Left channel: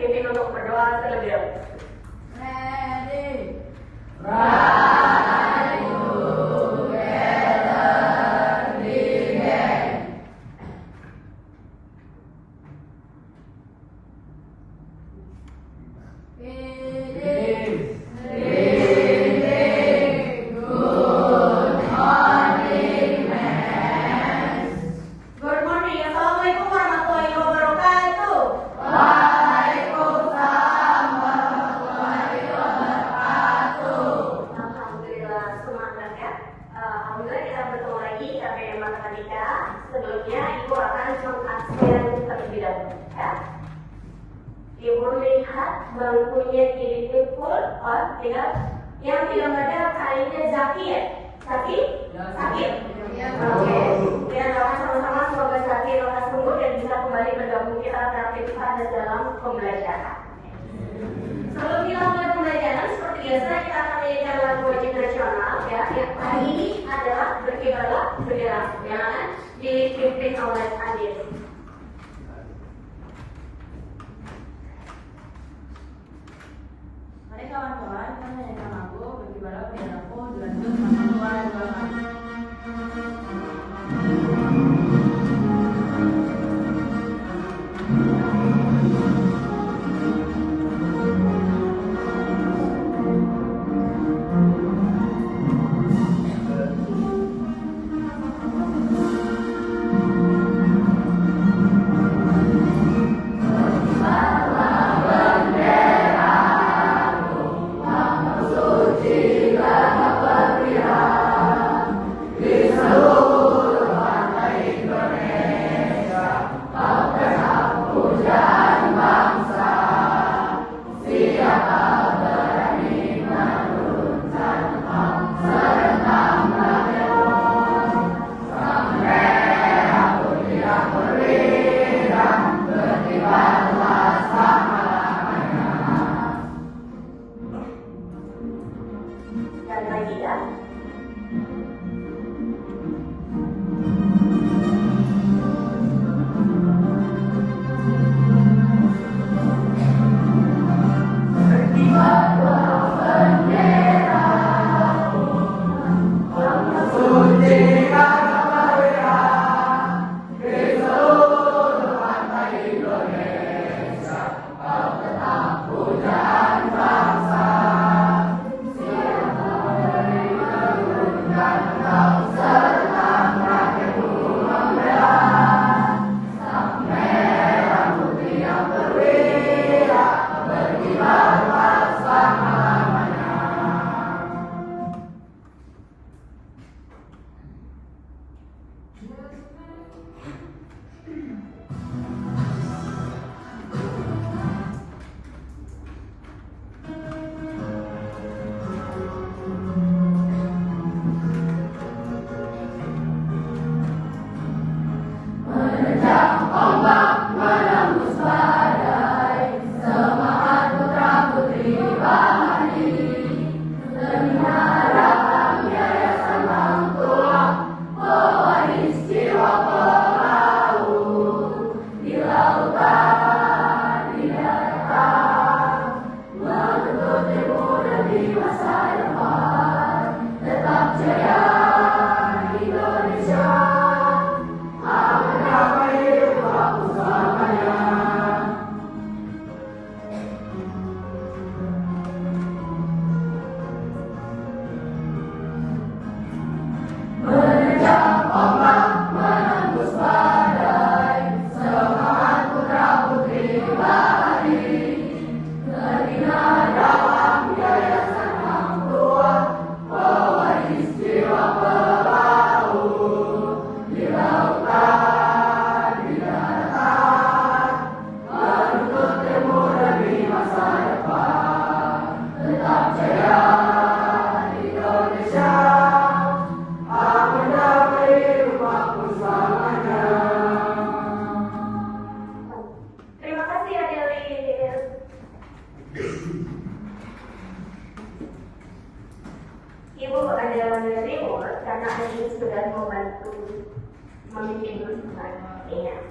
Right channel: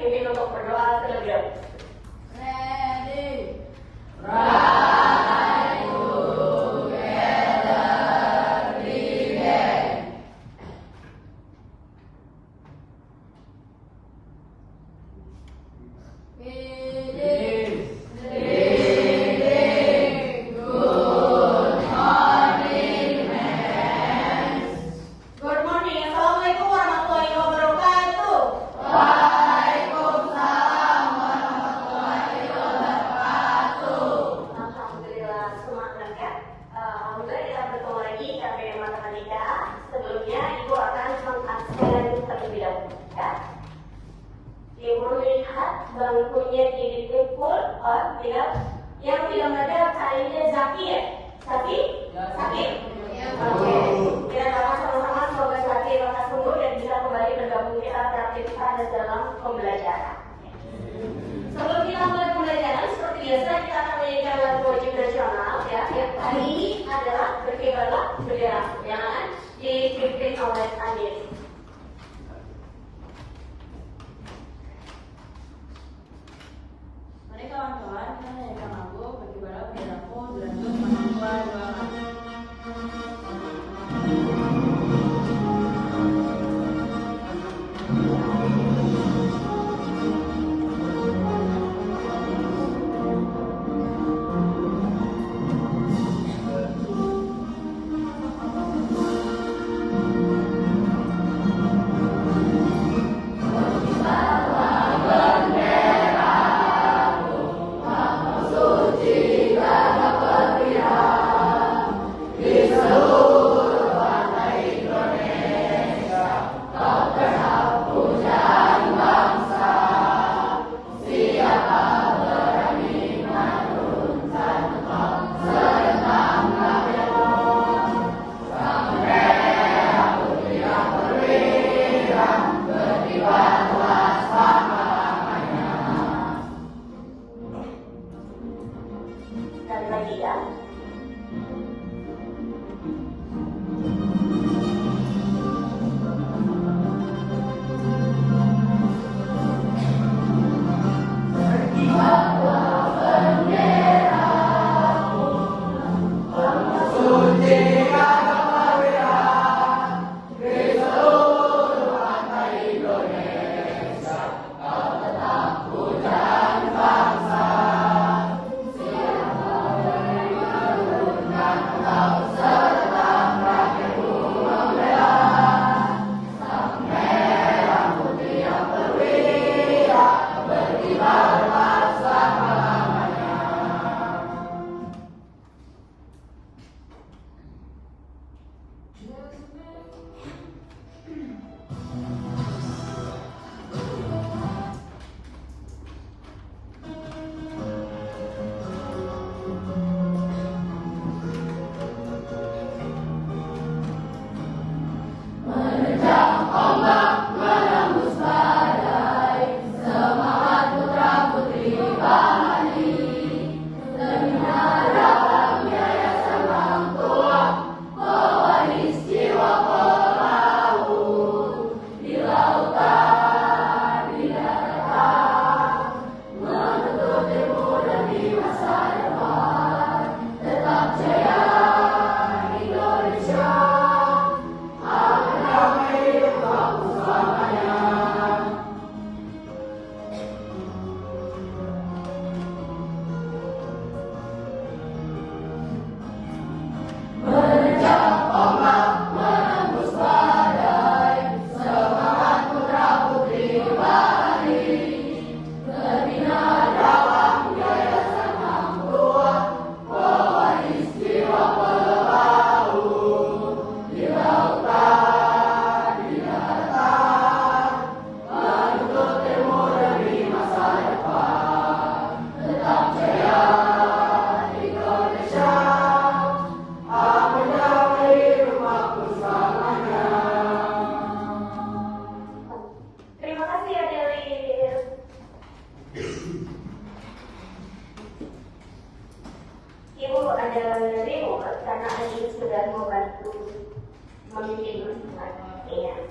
dipimpin untuk berdoa terlebih dahulu. Sebelumnya Ibu akan mengabsen terlebih dahulu, ya. Ibu lihat bangkunya dipikul, tinggal yang di lembaga kalinya Zaki ya? Zaki? Zaki? Oke. Kita doakan sama-sama semoga Zaki lekas sembuh dan bisa kembali bergabung kita beraktivitas dalam pembelajaran. Sebelum kita mulai pembelajaran, seperti biasa kita akan menyanyikan lagu wajib nasional, ya. Yang hari ini adalah berkibarlah bendera, yang akan dipimpin oleh Andin. Mari kawan-kawan, kita menyanyikan lagu berkibarlah benderaku dilanjut dengan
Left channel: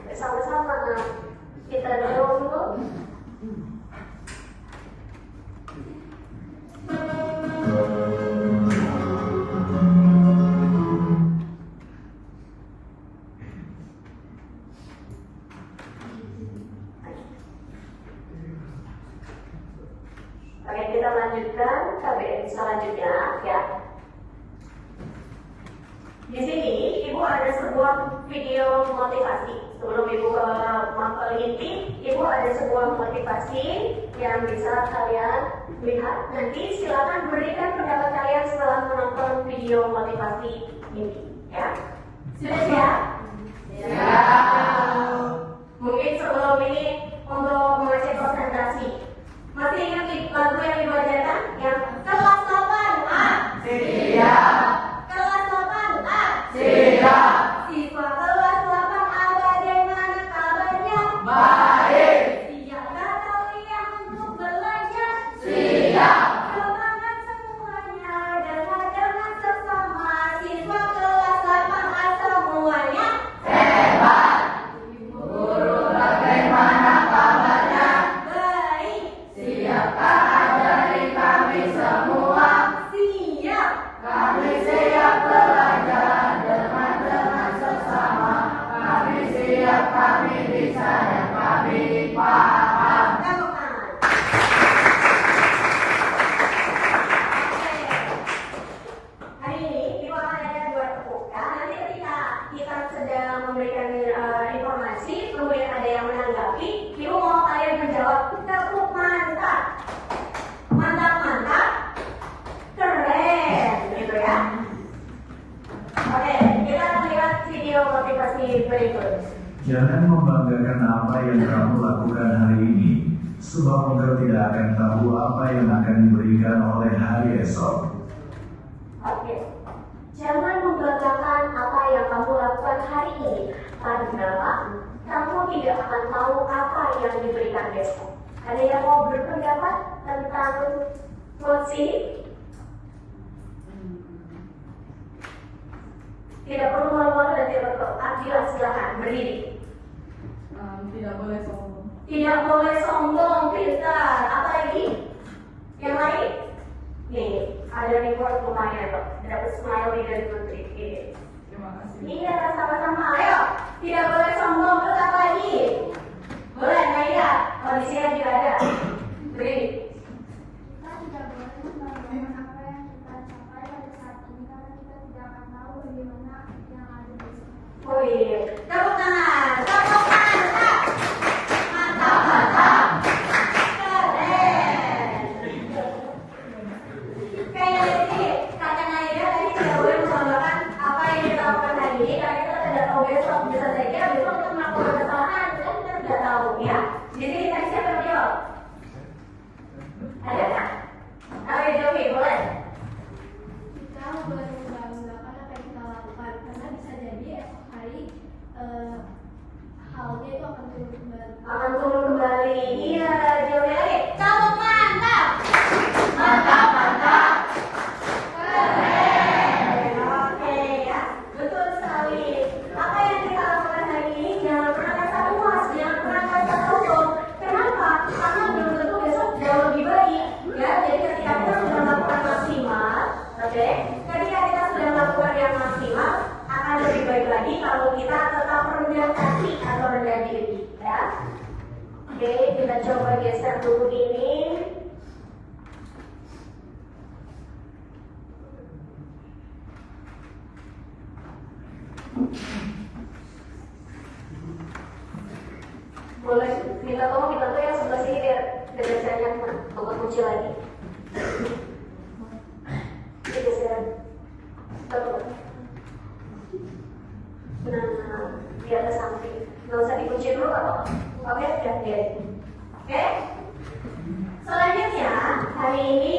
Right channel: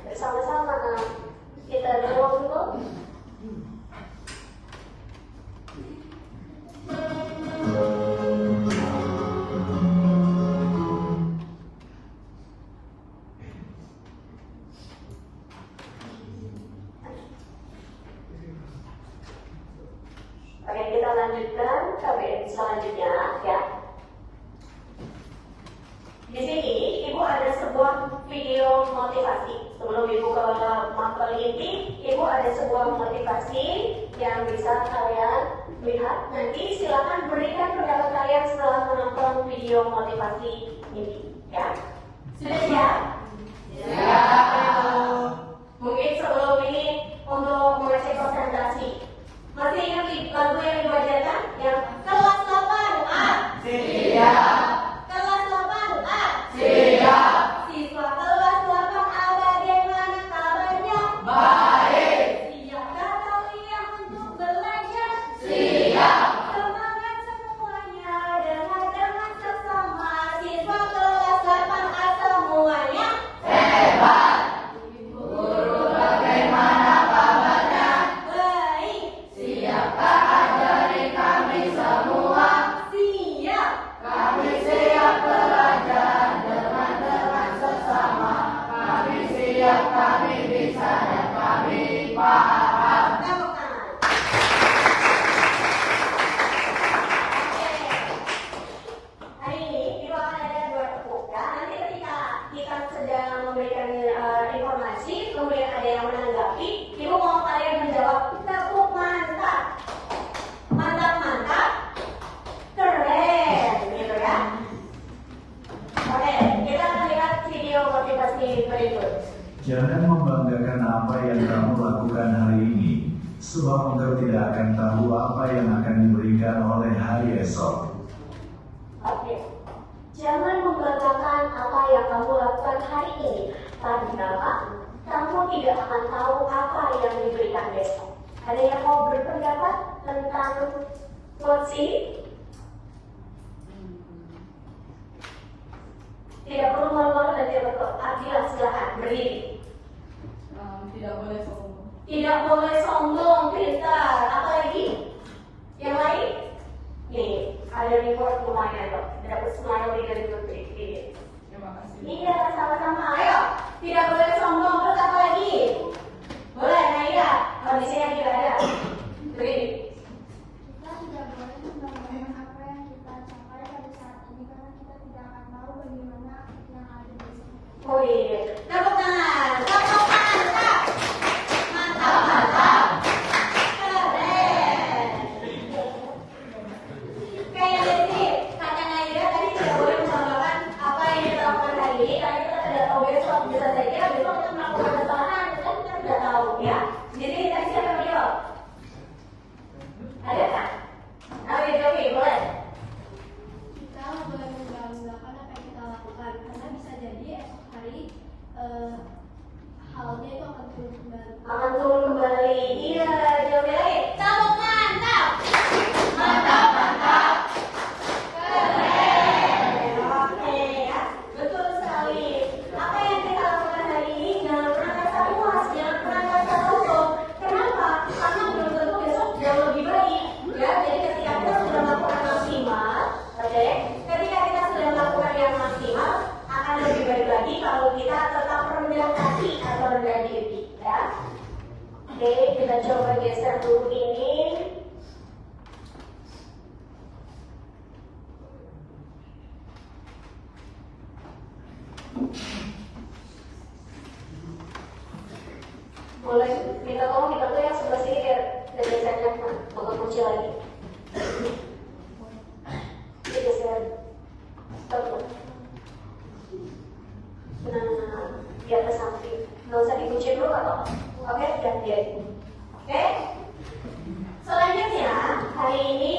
Bersama-sama kita berdoa dulu. Oke, kita lanjutkan KBM selanjutnya ya. Di sini Ibu ada sebuah video motivasi. Sebelum Ibu ke mapel inti, Ibu ada sebuah motivasi yang bisa kalian lihat. Nanti silakan berikan pendapat kalian setelah menonton video motivasi ini ya. Sudah siap? Siap. Mungkin sebelum ini untuk mengecek konsentrasi. Masih ingat lagu yang dibacakan? Yang kelas 8A. Siap. Kelas 8A. Siap. Siswa kelas 8A bagaimana kabarnya? Baik. Siapkah kalian untuk belajar? Siap. Semangat semuanya dengan sesama. Siswa kelas 8A semuanya Hebat. Guru bagaimana kabarnya? baik. Siapkah ajari kami semua? Siap. Kami siap belajar dengan sesama. Kami siap, kami bisa, dan kami paham. Tepuk tangan. Hari ini Ibu akan ada dua tepuk. Ya, nanti ketika kita sedang memberikan informasi, kemudian ada yang menanggapi, Ibu mau kalian menjawab tepuk mantap, mantap mantap, keren, gitu ya. Oke, kita akan lihat video motivasi berikut. Jangan membanggakan apa yang kamu lakukan hari ini, sebab engkau tidak akan tahu apa yang akan diberikan oleh hari esok. Oke, jangan membanggakan apa yang kamu lakukan hari ini, karena kamu tidak akan tahu apa yang diberikan besok. Ada yang mau berpendapat tentang quotes ini? Tidak perlu malu-malu dan tidak perlu. Jelas, silakan berdiri. Tidak boleh sombong. Tidak boleh sombong, pintar. Apa lagi? Yang lain? Nih, ada reward lumayan loh. Dapat smile dari Putri. Ini. Terima kasih. Iya, sama-sama. Ayo, tidak boleh sombong. Terus apa lagi? Boleh, Naira. Kondisinya juga ada. Beri. Kita tidak boleh membanggakan apa yang kita capai pada saat ini karena kita tidak akan tahu bagaimana yang ada besok. Oh iya. Tepuk tangan. Tepuk tangan. Mantap. Mantap, mantap. Keren. Kayak ini, kata Naira tadi tidak boleh membanggakan apa yang kita lakukan hari ini karena kita tidak tahu besok. Bisa saja besok kita melakukan kesalahan, kan kita tidak tahu ya. Jadi tadi siapa yang jawab? Ada kan? Ayo Jovi, boleh. Kita boleh membanggakan apa yang kita lakukan karena bisa jadi esok hari halnya itu akan turun kembali. Akan turun kembali. Iya, Jovi lagi. Tepuk mantap. Mantap, mantap. Keren. Oke ya, betul sekali. Apa yang kita lakukan hari ini jangan pernah merasa puas, jangan pernah merasa sombong. Kenapa? Karena belum tentu besok jauh lebih baik. Ya, jadi ketika kita sudah melakukan maksimal, oke, ketika kita sudah melakukan yang maksimal, akan lebih baik lagi kalau kita tetap rendah hati atau rendah diri. Ya. Oke, kita coba geser dulu ini. Boleh minta tolong dibantu yang sebelah sini biar gesernya untuk kunci lagi. Ini geseran. Betul. Nah, di atas samping. Nggak usah dikunci dulu apa? Oke, udah dia. Oke. Selanjutnya, hari ini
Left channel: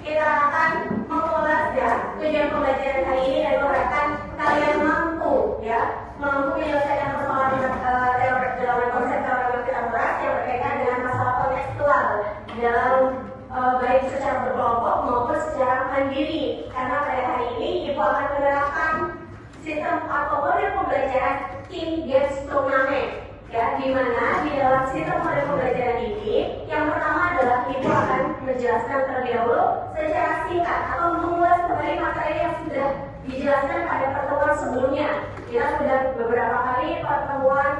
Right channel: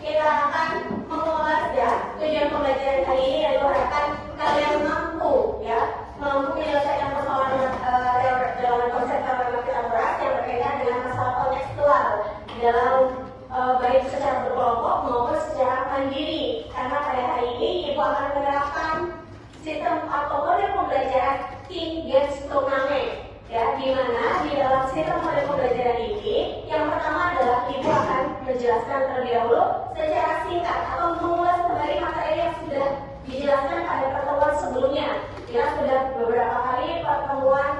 kita akan mengulas ya tujuan pembelajaran hari ini dan mengharapkan kalian mampu ya menyelesaikan persoalan dalam konsep teori Pythagoras yang berkaitan dengan masalah kontekstual dalam baik secara berkelompok maupun secara mandiri. Karena pada hari ini Ibu akan menerapkan sistem atau model pembelajaran team games turnamen. Ya, di mana di dalam sistem model pembelajaran ini, yang pertama adalah Ibu akan menjelaskan terlebih dahulu secara singkat atau mengulas kembali materi yang sudah dijelaskan pada pertemuan sebelumnya. Ya, sudah beberapa kali pertemuan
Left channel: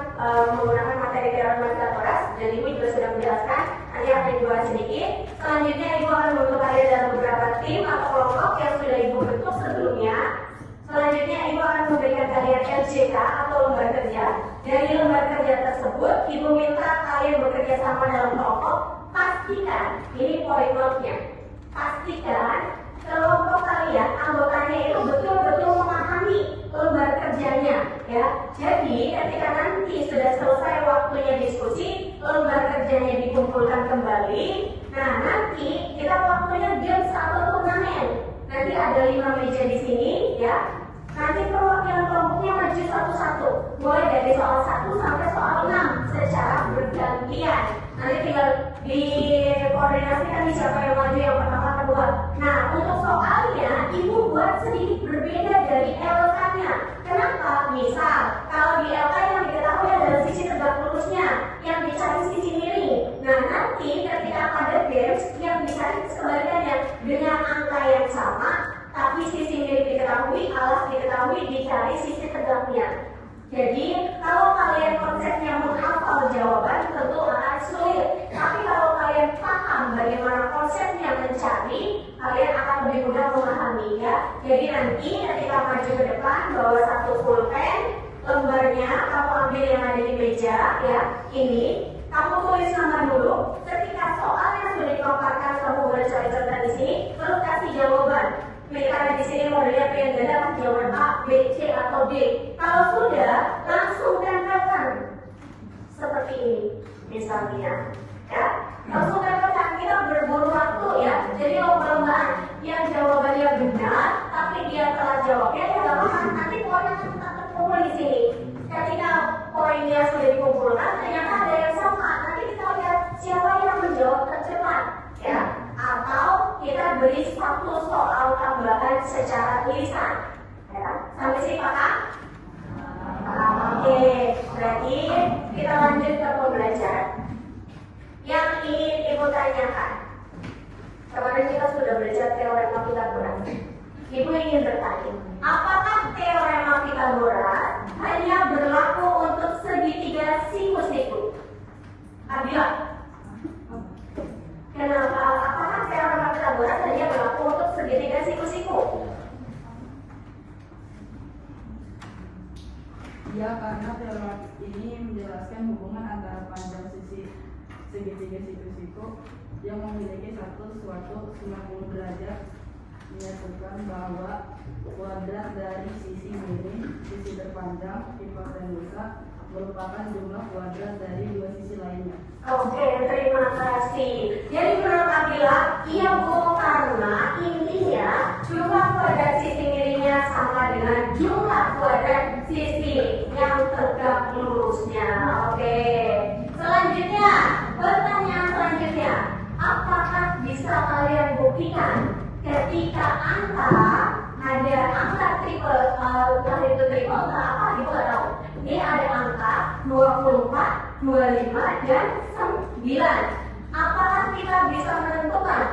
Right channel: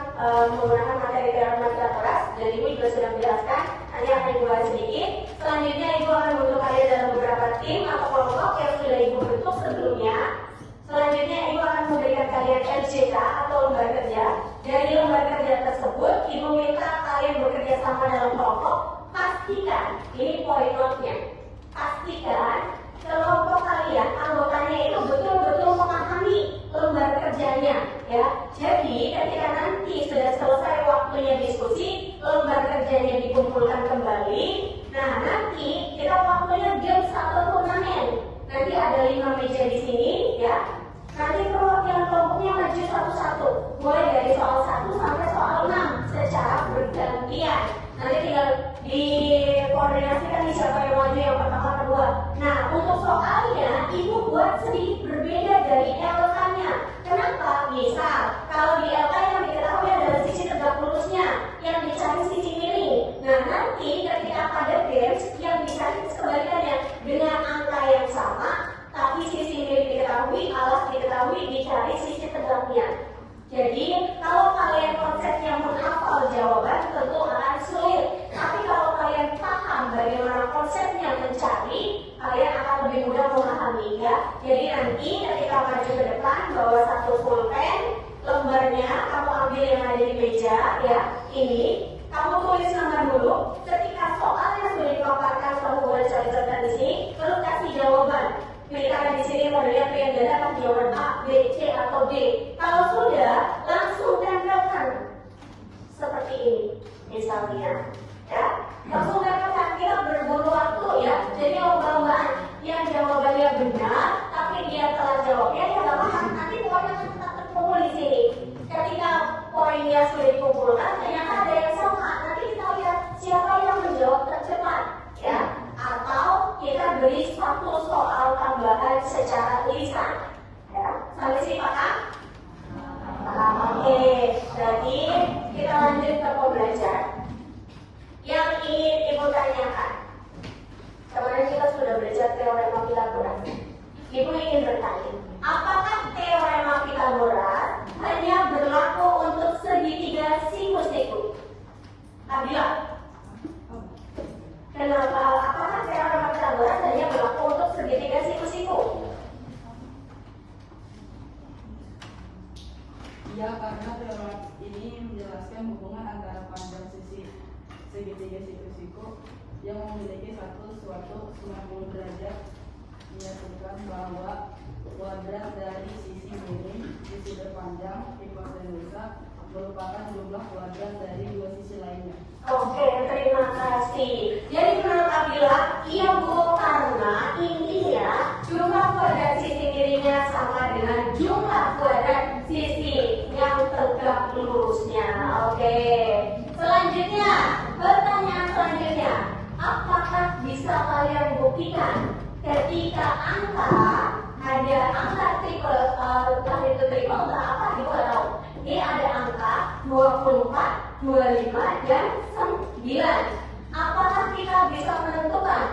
menggunakan materi teorema Pitagoras dan Ibu juga sudah menjelaskan. Nanti akan Ibu bahas sedikit. Selanjutnya Ibu akan membentuk kalian dalam beberapa tim atau kelompok yang sudah Ibu bentuk sebelumnya. Selanjutnya Ibu akan memberikan kalian LJK atau lembar kerja. Dari lembar kerja tersebut, Ibu minta kalian bekerja sama dalam kelompok. Pastikan, ini poin notnya. Pastikan kelompok kalian, anggotanya itu betul-betul memahami lembar kerjanya, ya. Jadi ketika nanti sudah selesai waktunya diskusi, lembar kerjanya dikumpulkan kembali. Nah, nanti kita waktunya game atau turnamen. Nanti ada 5 meja di sini, ya. Nanti perwakilan kelompoknya maju satu-satu, mulai dari soal 1 sampai soal 6 secara bergantian. Nanti tinggal dikoordinasikan nih siapa yang maju yang pertama kedua. Nah, untuk soalnya Ibu buat sedikit berbeda dari LK-nya. Kenapa? Misal kalau di LK yang diketahui adalah sisi tegak lurusnya, yang dicari sisi miring. Nah, nanti ketika pada games yang dicari kebalikannya dengan angka yang sama, tapi sisi miring diketahui, alas diketahui, dicari sisi tegaknya. Jadi, kalau kalian konsepnya menghafal jawaban tentu akan sulit. Tapi kalau kalian paham bagaimana konsepnya mencari, kalian akan lebih mudah memahami, ya. Jadi nanti ketika maju ke depan, bawa satu pulpen, lembarnya kamu ambil yang ada di meja, ya. Ini kamu tulis nama dulu. Ketika soal yang sudah dipaparkan, kamu boleh coret-coret di sini, lalu kasih jawaban. Karena di sini modelnya pilihan ganda akan jawaban A, B, C atau D. Kalau sudah, langsung tempelkan seperti ini, misalnya, ya. Langsung tempelkan, kita berburu waktu, ya. Jadi lomba-lombaan yang jawabannya benar, tapi dia telah jawabnya, ya nggak apa-apa. Nanti poinnya akan terkumpul di sini. Ketika poinnya sudah dikumpulkan, ternyata ada yang sama. Nanti kita lihat siapa yang menjawab tercepat, ya. Atau kita beri satu soal tambahan secara tulisan, ya. Sampai sini paham? Oke, berarti kita lanjut ke pembelajaran. Yang ingin Ibu tanyakan, kemarin kita sudah belajar teorema Pitagoras. Ibu ingin bertanya, apakah teorema Pitagoras hanya berlaku untuk segitiga siku-siku? Abila, kenapa? Apakah teorema Pitagoras hanya berlaku untuk segitiga siku-siku? Ya, karena teorema ini menjelaskan hubungan antara panjang sisi segitiga siku-siku yang memiliki suatu 90 derajat, menyatukan bahwa kuadrat dari sisi miring, sisi berpanjang, hipotenusa merupakan jumlah kuadrat dari dua sisi lainnya. Oke, terima kasih. Jadi menurut Abila, iya Bu, karena intinya jumlah kuadrat sisi miringnya sama dengan jumlah kuadrat sisi yang tegak lurusnya. Oke. Selanjutnya, pertanyaan selanjutnya, apakah bisa kalian buktikan ketika ada angka triple, entah itu triple entah apa, Ibu nggak tahu. Ini ada angka 24, 25, dan 9. Apakah kita bisa menentukan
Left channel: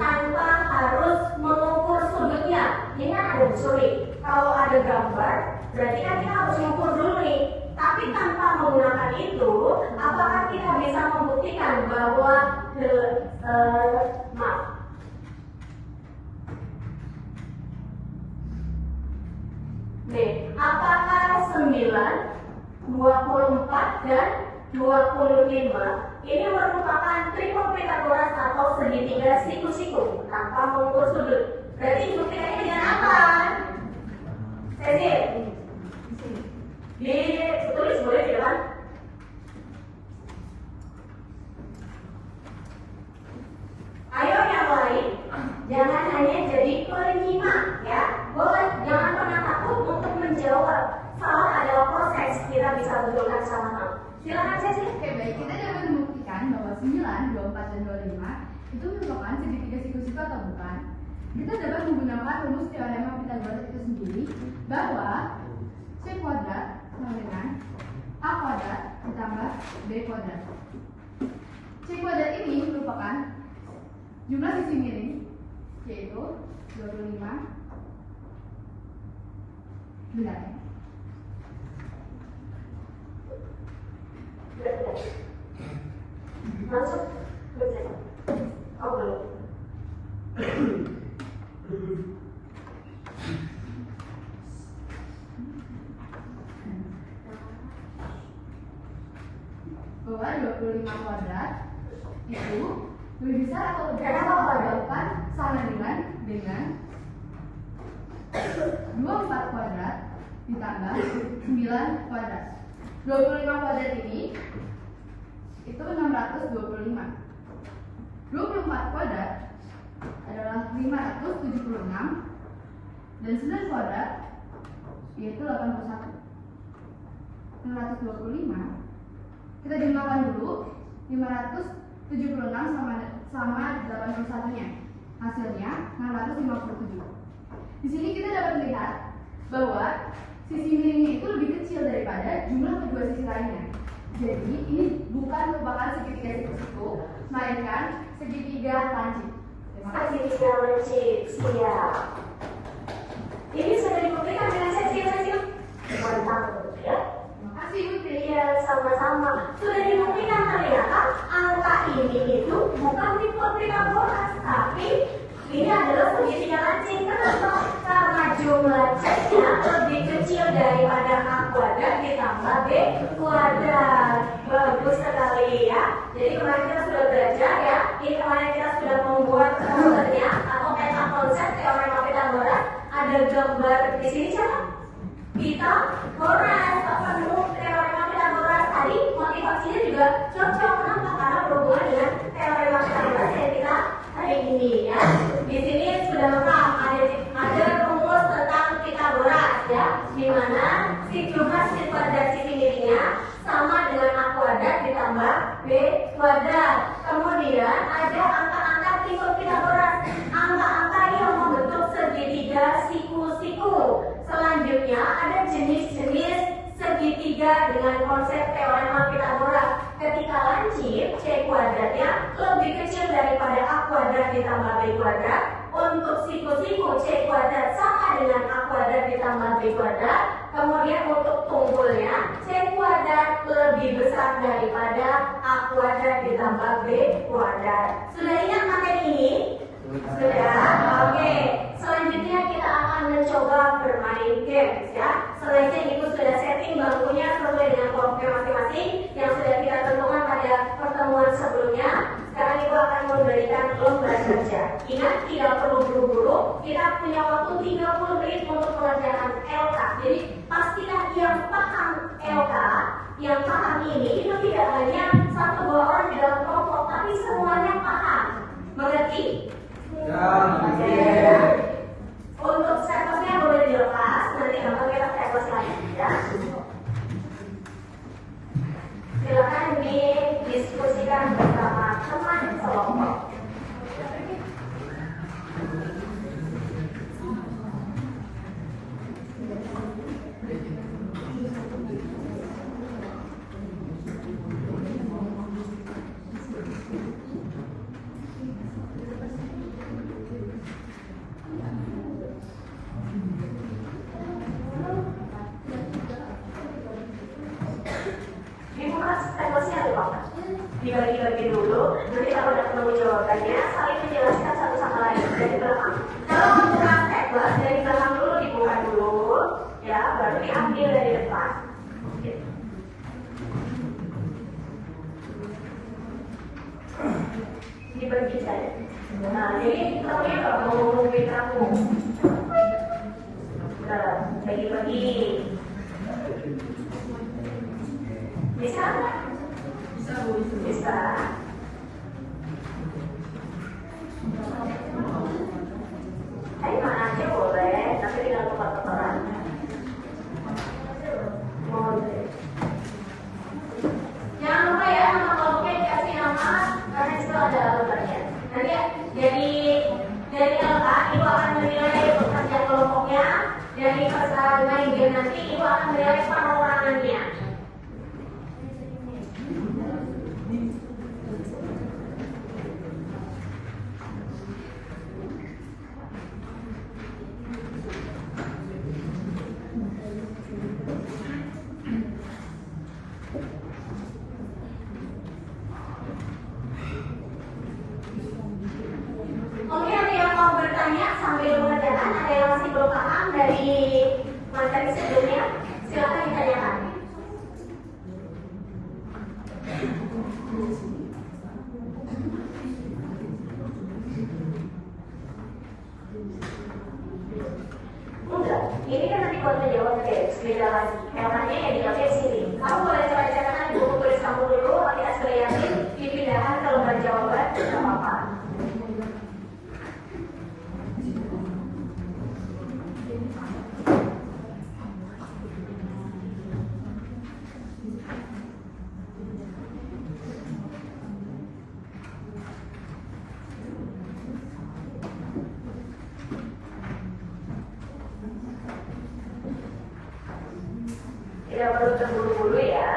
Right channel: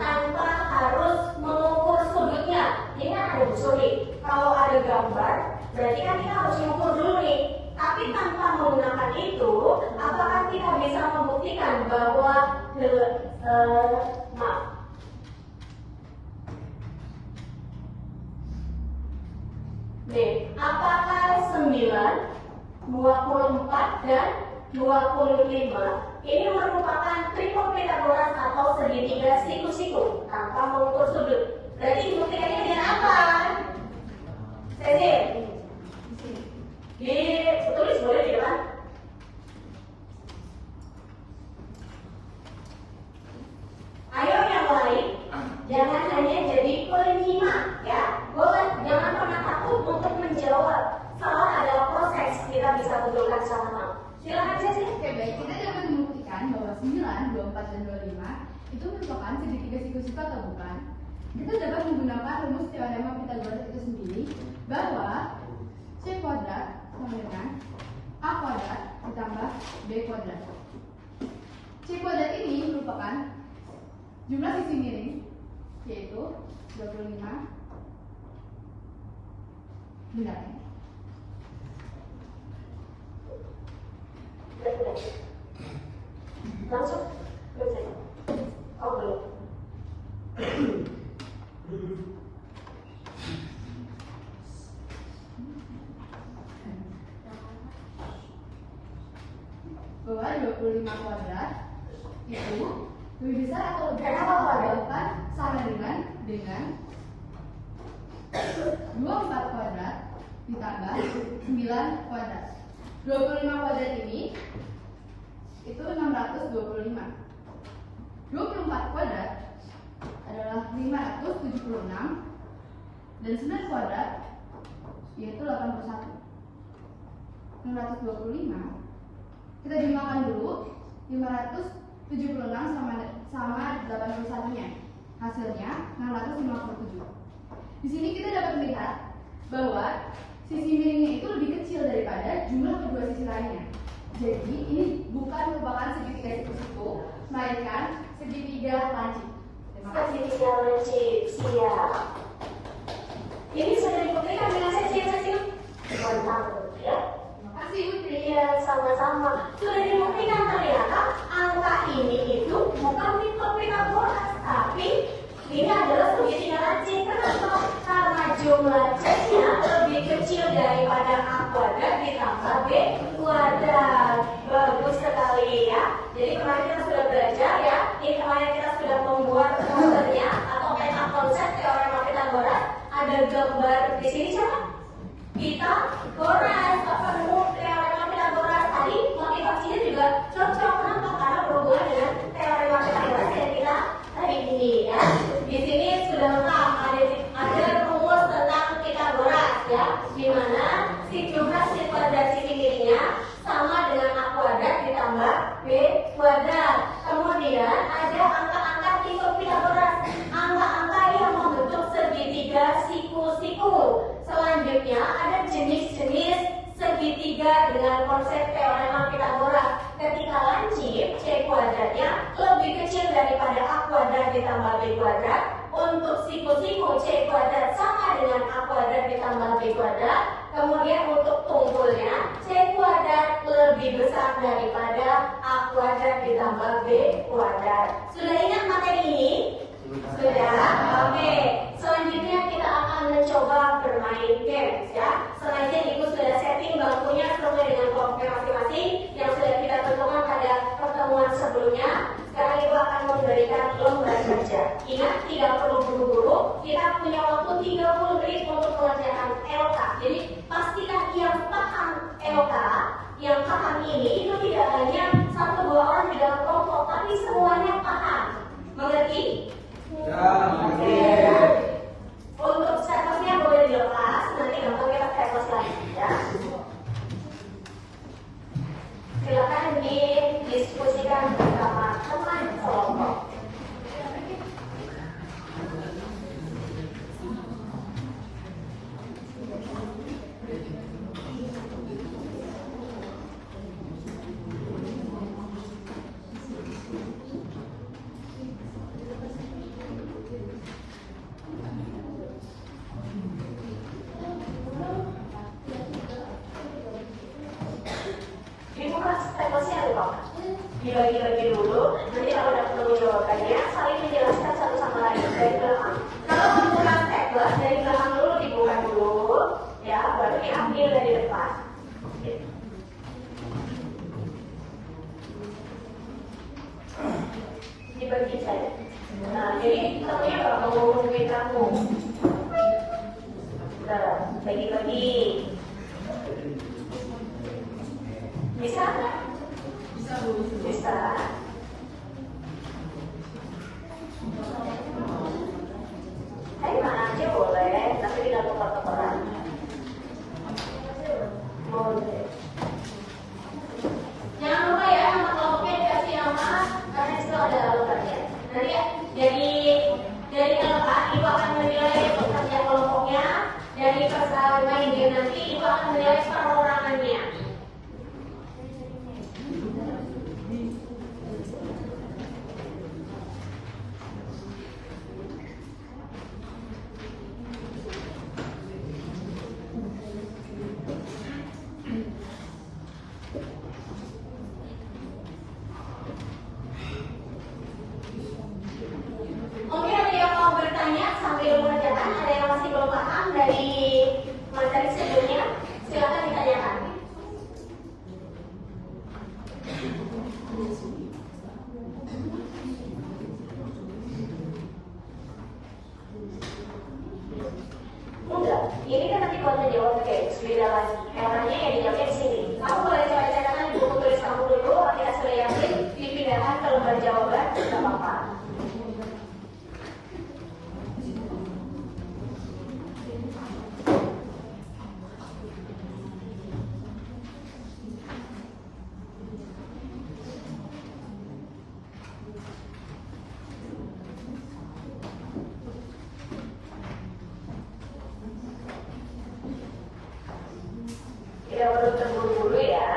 tanpa harus mengukur sudutnya? Ini kan ada sulit. Kalau ada gambar, berarti kan kita harus mengukur dulu nih. Tapi tanpa menggunakan itu, apakah kita bisa membuktikan bahwa apakah 9, 24, dan 25 ini merupakan triple Pitagoras atau segitiga siku-siku tanpa mengukur sudut? Berarti buktikannya dengan apa? Cecil, ditulis boleh di depan. Ayo yang lain, jangan hanya jadi penyimak, ya. Boleh, jangan pernah takut untuk menjawab. Salah adalah proses, kita bisa betulkan sama-sama. Silakan Cecil. Oke, baik. Kita dapat membuktikan bahwa 9, 24, dan 25 itu merupakan segitiga siku-siku atau bukan. Kita dapat menggunakan rumus teorema Pitagoras itu sendiri, bahwa C kuadrat sama dengan A kuadrat ditambah B kuadrat. C kuadrat ini merupakan jumlah sisi miring, yaitu 25. Benar ya? Langsung bercek. Oh belum. Bahwa 25 kuadrat itu lebih besar atau lebih kecil Kenapa kuadrat? jawaban sama dengan 24 kuadrat ditambah 9 kuadrat. 25 kuadrat ini itu 625. 24 kuadrat adalah 576 dan 9 kuadrat yaitu 81. 625 kita jumlahkan dulu, 576 sama 81 nya, hasilnya 657. Di sini kita dapat melihat bahwa sisi miringnya itu lebih kecil daripada jumlah kedua sisi lainnya. Jadi ini bukan merupakan segitiga siku-siku, melainkan segitiga lancip. Segitiga lancip, siap. Ini sudah dibuktikan dengan seksil-seksil. Mantap, ya. Makasih Putri. Iya, sama-sama. Sudah dibuktikan ternyata angka ini itu bukan tipe Pythagoras, tapi ini adalah segitiga lancip. Kenapa? Karena jumlah C-nya lebih kecil daripada A kuadrat ditambah B kuadrat. Bagus sekali ya. Jadi kemarin kita sudah belajar ya. Ini kemarin kita sudah membuat gambarnya atau peta konsep teorema Pythagoras. Ada gambar di sini siapa? Pythagoras. Ketemu teorema Pythagoras tadi, motivasinya juga cocok. Kenapa? Karena berhubungan dengan teorema Pythagoras yang kita hari ini ya. Di sini sudah lengkap ada rumus tentang Pythagoras ya, di mana si jumlah sisi kuadrat sisi miringnya sama dengan A kuadrat ditambah B kuadrat. Kemudian ada angka-angka tipe Pythagoras, angka-angka yang membentuk segitiga siku-siku. Selanjutnya ada jenis-jenis segitiga dengan konsep teorema Pythagoras. Ketika lancip, C kuadratnya lebih kecil daripada A kuadrat ditambah B kuadrat. Untuk siku-siku, C kuadrat sama dengan A kuadrat ditambah B kuadrat. Kemudian untuk tunggulnya, C kuadrat lebih besar daripada A kuadrat ditambah B kuadrat. Sudah ingat materi ini? Sudah? Oke. Selanjutnya kita akan mencoba bermain games ya. Selain itu sudah setting bangkunya sesuai dengan kelompoknya masing-masing yang sudah kita tentukan pada pertemuan sebelumnya. Sekarang Ibu akan memberikan lomba kerja. Ingat, tidak perlu buru-buru. Kita punya waktu 30 menit untuk pelajaran LK. Jadi pastikan yang paham LK, yang paham ini itu tidak hanya 1-2 orang di dalam kelompok, tapi semuanya paham. Mengerti? Ya. Untuk stepnya boleh dilepas, nanti gampang kita step lagi ya. Silakan didiskusikan bersama teman kelompok. Dibagi-bagi dulu, nanti kalau udah ketemu jawabannya saling menjelaskan satu sama lain dari belakang. Kalau membuka tablet dari belakang dulu dibuka dulu, ya baru diambil dari depan. Dibagi saja. Nah, jadi kamu kalau mau ngomongin kamu, bagi-bagi. Bisa nggak? Bisa. Ayo mana aja boleh, tapi tidak tuker-tukeran. Boleh. Jangan lupa ya, nama kelompoknya dikasih nama karena itu ada logonya. Nanti dari LK Ibu akan menilai pekerja kelompoknya. Dari main game nanti Ibu akan menilai pengurangannya. tanya sampai dulu kerjaan. Ada yang masih belum paham dari materi sebelumnya? Silakan ditanyakan. Enggak, ini kan nanti kalau jawab kayak beda lagi. Temanya ya dijawabnya di sini. Kamu boleh coba catatkan di buku tulis kamu dulu, ketika sudah yakin dipindahkan ke lembar jawaban, tidak apa-apa. Tidak perlu terburu-buru ya.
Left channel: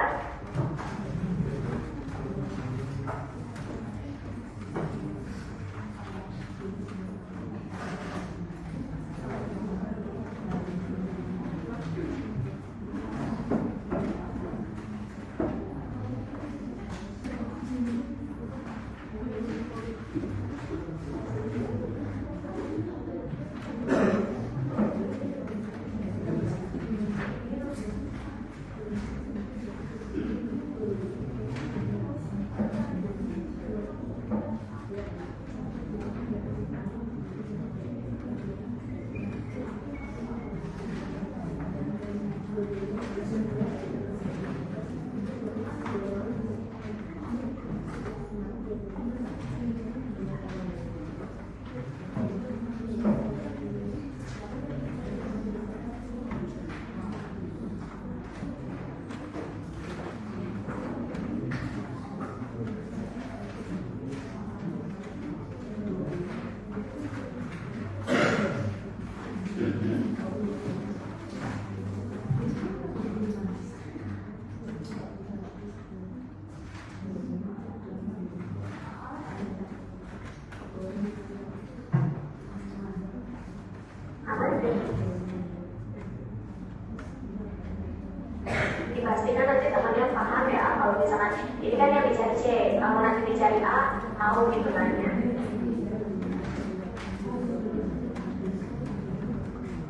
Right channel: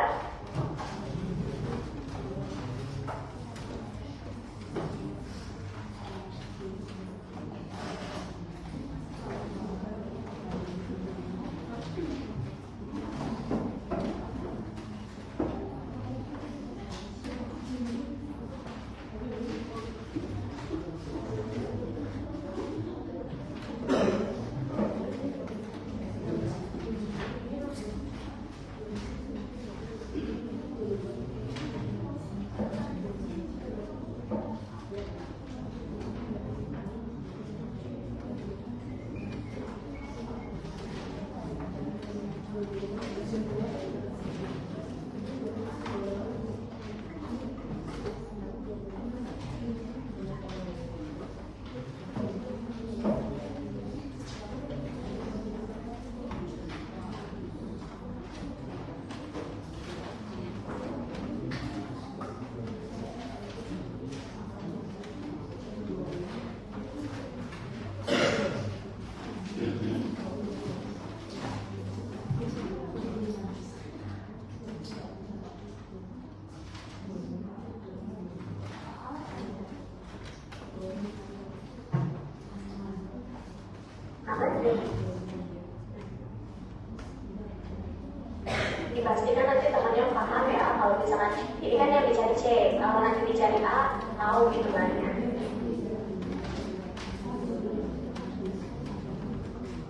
Dipastikan nanti temannya paham ya. Kalau misalkan ini kan yang dicari C, kalau nanti dicari A, tahu gitu nanya.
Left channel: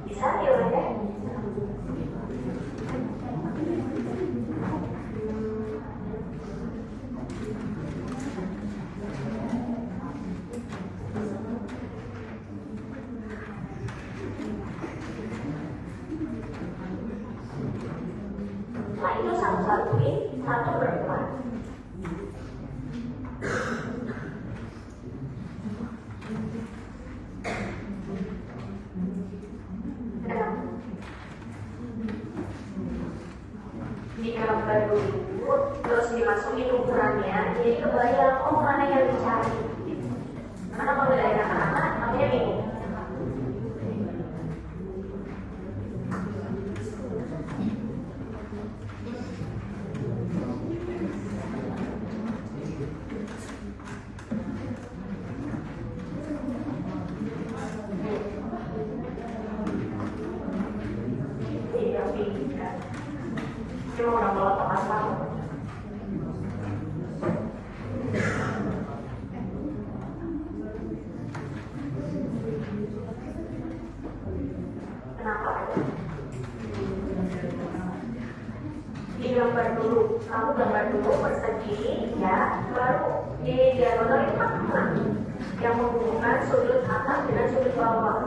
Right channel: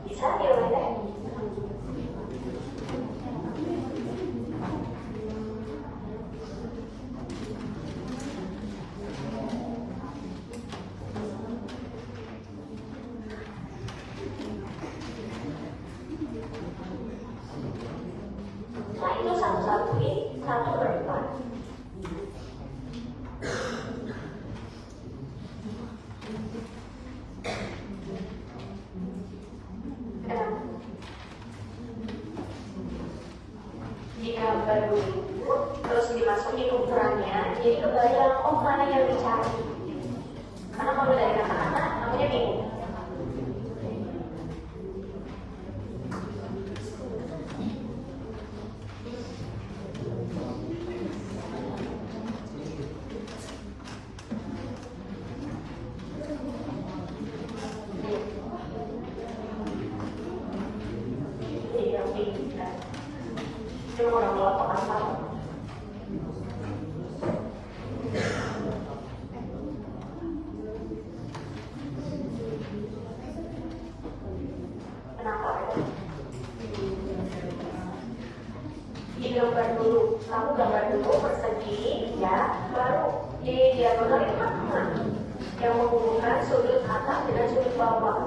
Bisa diulangi? Nah itu satu-satuin, satu berempat. Digambar dulu, terus dimasukin ukurannya. Jadi kebayang, oh mana yang dicari. Karena kalau dari kata-kata, namanya bingung. Cuma orang tua tak tahu. Kenapa? Digambar dulu, kamu gambar dulu persegi, ya, baru di diagonal itu patungan yang menghubungkan sudut atas dengan sudut bawah.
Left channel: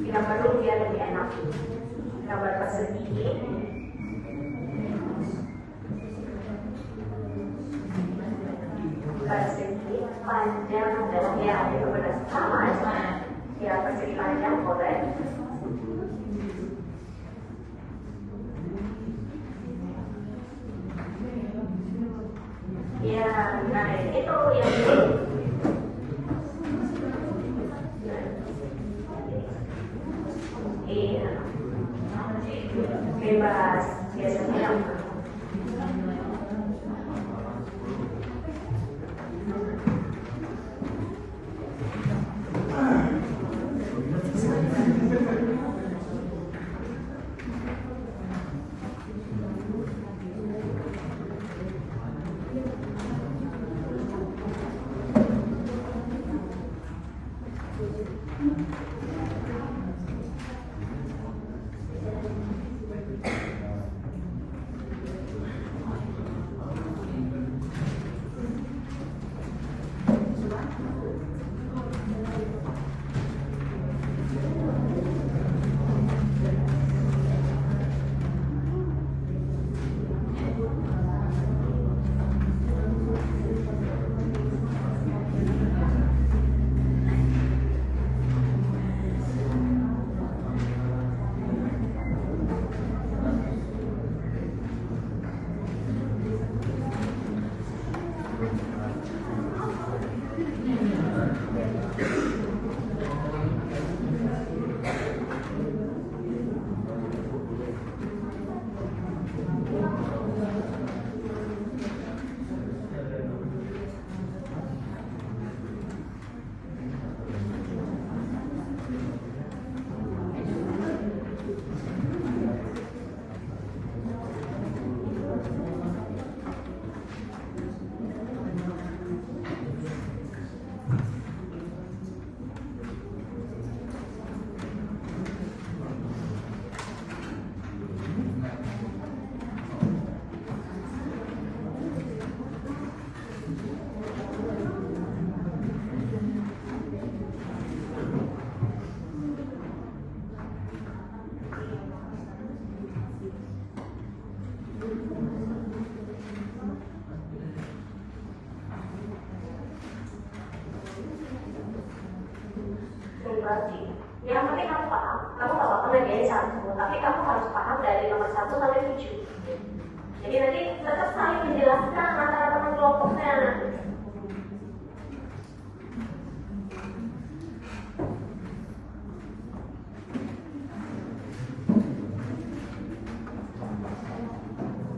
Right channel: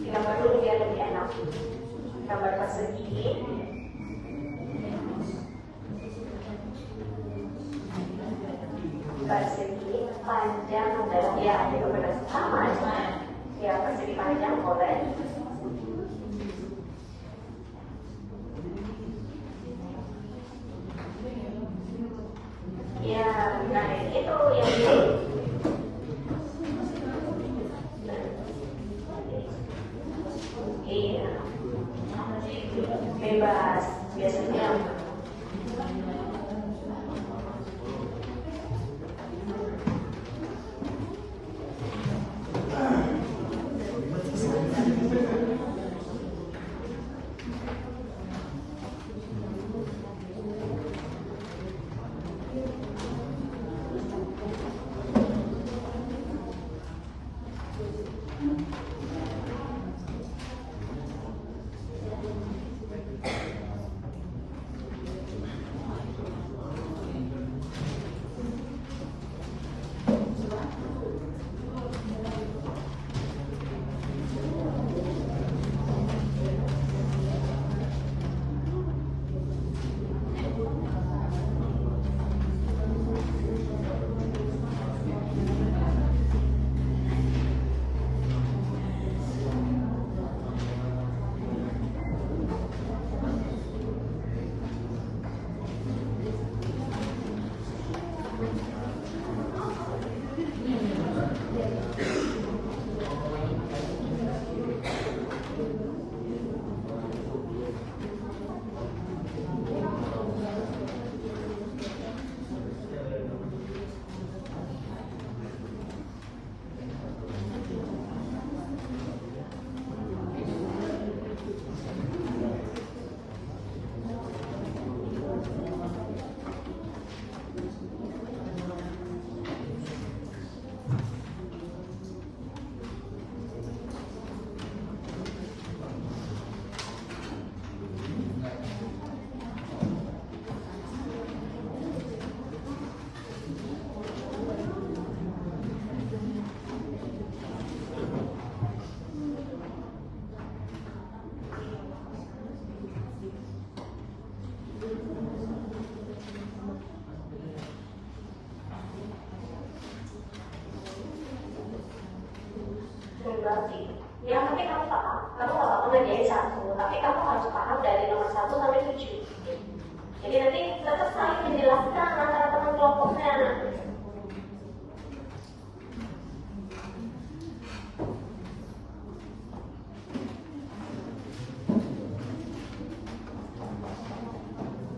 Digambar dulu biar lebih enak. Gambar persegi. Persegi panjang adalah ya benar sama ya persegi panjang boleh ya. Nah itu yang iya bebas biasanya. Yang penting kamu paham, kamu gak apa-apa ngerjain satu, tapi kamu harus paham dari nomor 1 sampai 7. Jadi nanti tetap saling menjelaskan antara teman kelompoknya.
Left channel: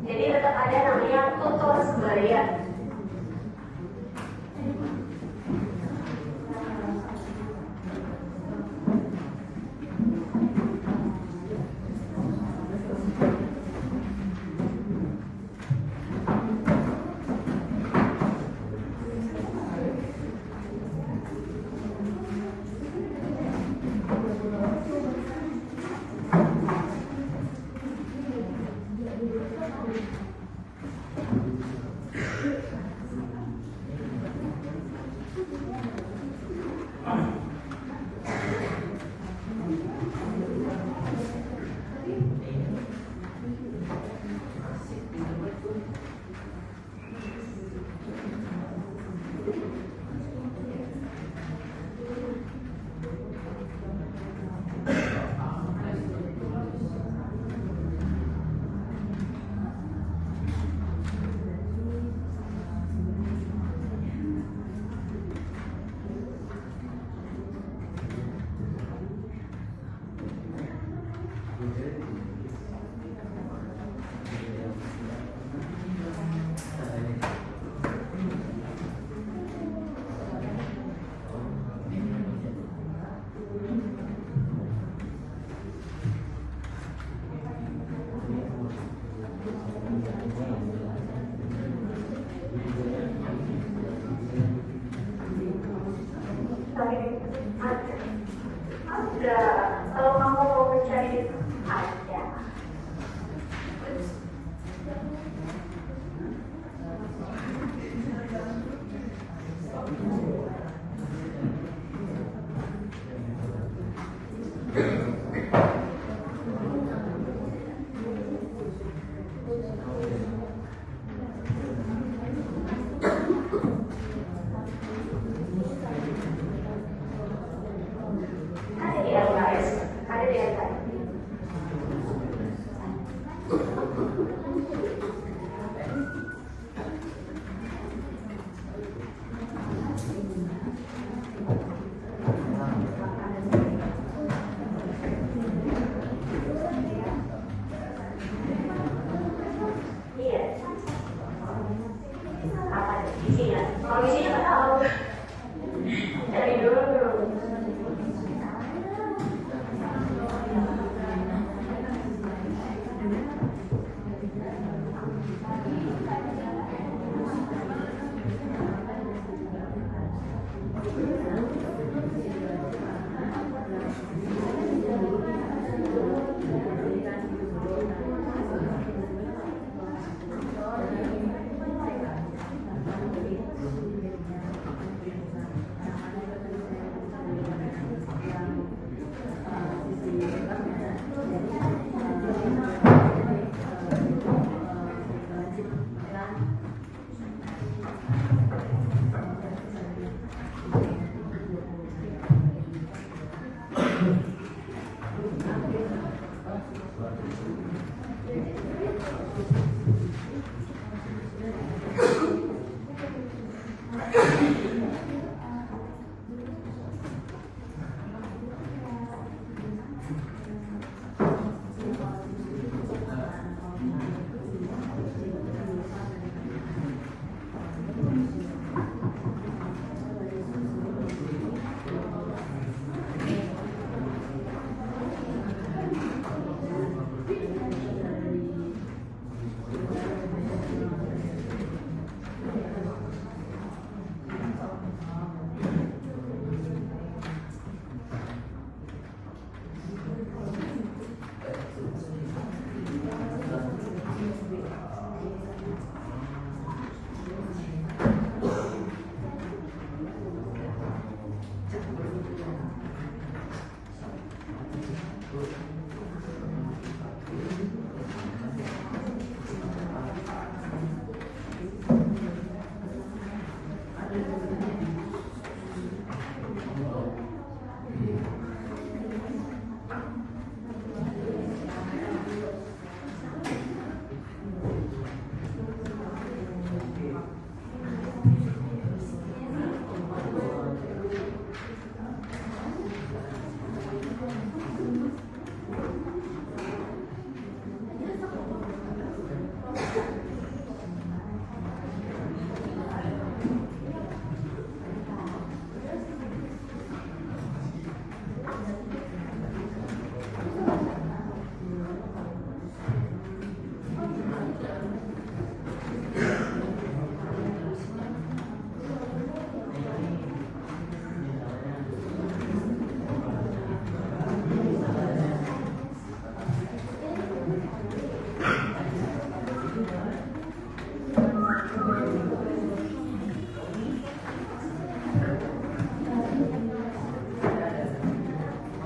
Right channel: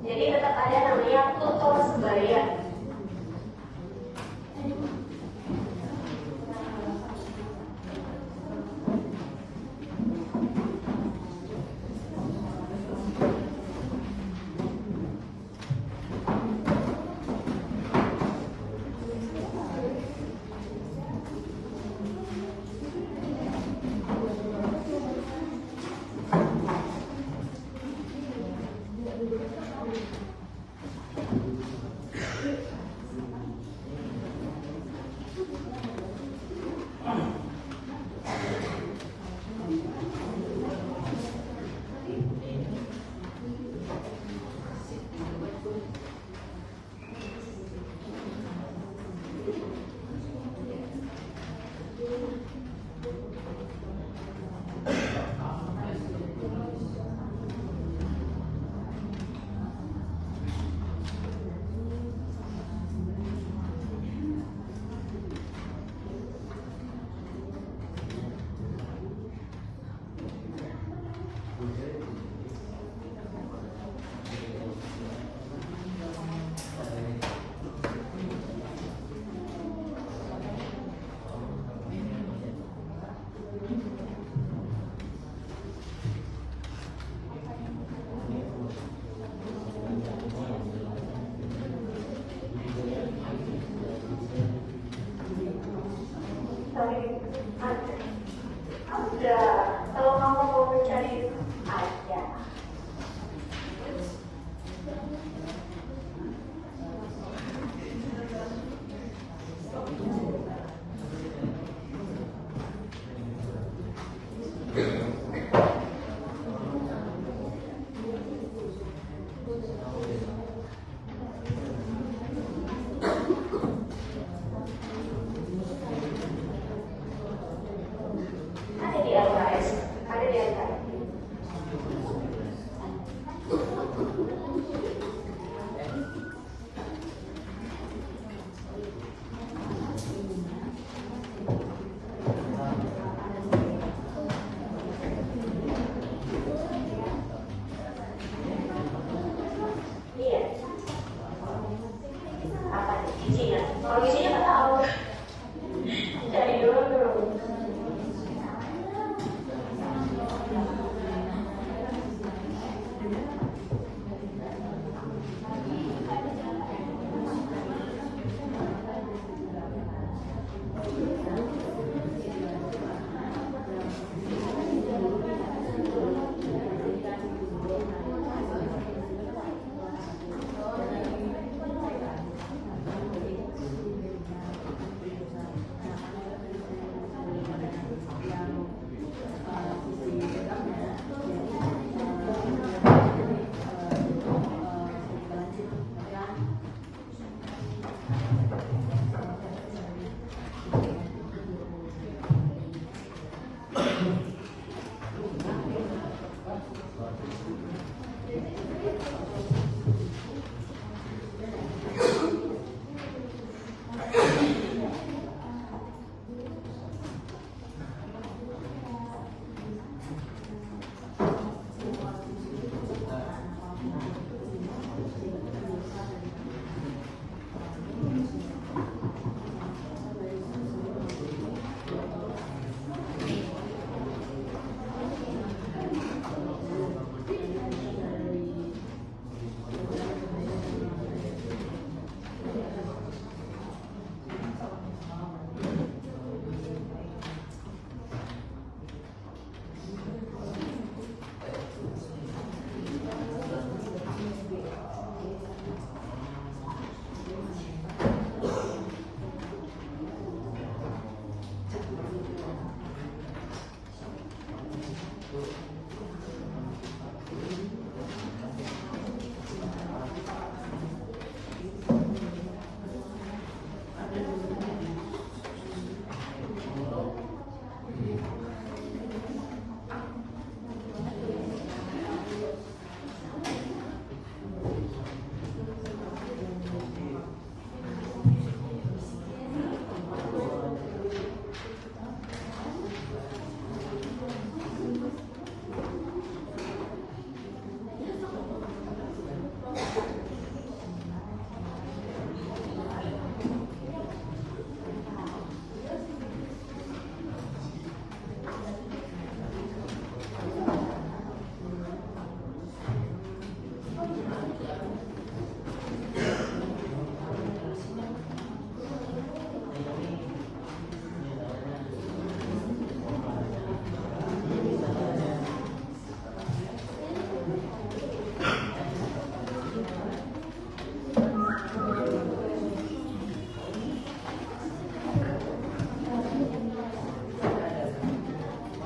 Jadi tetap ada namanya tutor sebaya. Ada, kalau kamu mau mencari ada. Ada di LKS. Iya. Apa isinya? Kalau isinya nggak tahu. Dari dulu.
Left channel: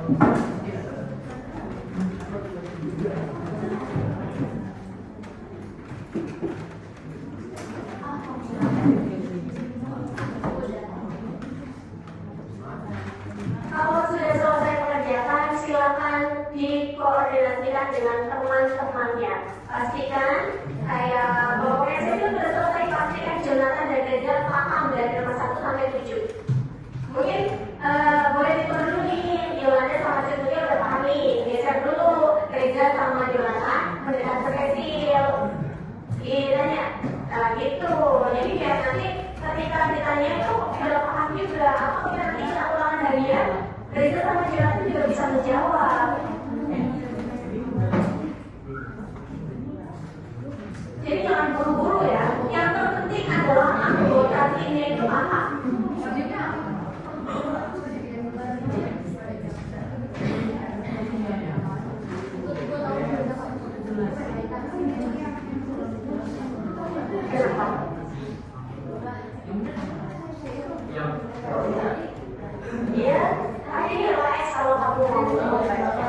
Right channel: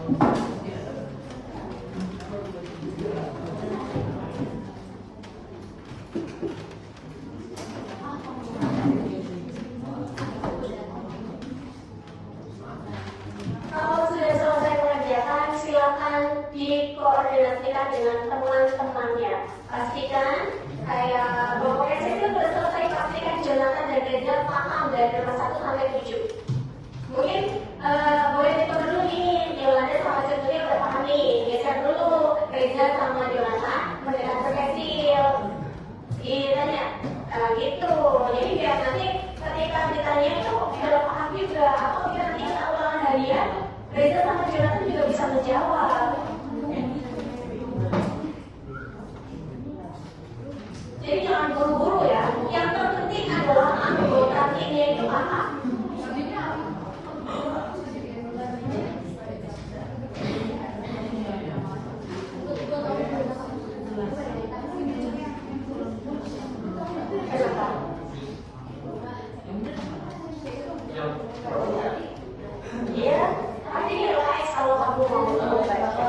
Kalau sudah selesai mengerjakan, silakan dikoordinasikan dengan teman-temannya. Pastikan kayak kalau saya sudah selesai, pastikan Jonathan dan Reza paham dari nomor 1 sampai 7. Mungkin boleh ditur dulu nih, Yolanda sama Cetulnya udah paham nih. Geser dulu Reza sama Yolanda mendengar pensil. Ditanya gitu. Jadi biar nanti ketika ditanya itu udah paham juga. Apa biar nanti kita ulangan harian, Reza sama Jonathan juga bisa menjawab. Jadi jangan buru-buru ya. Yang terpenting adalah anggota timnya itu paham. Iya, tadi relax kalau kamu mau baca.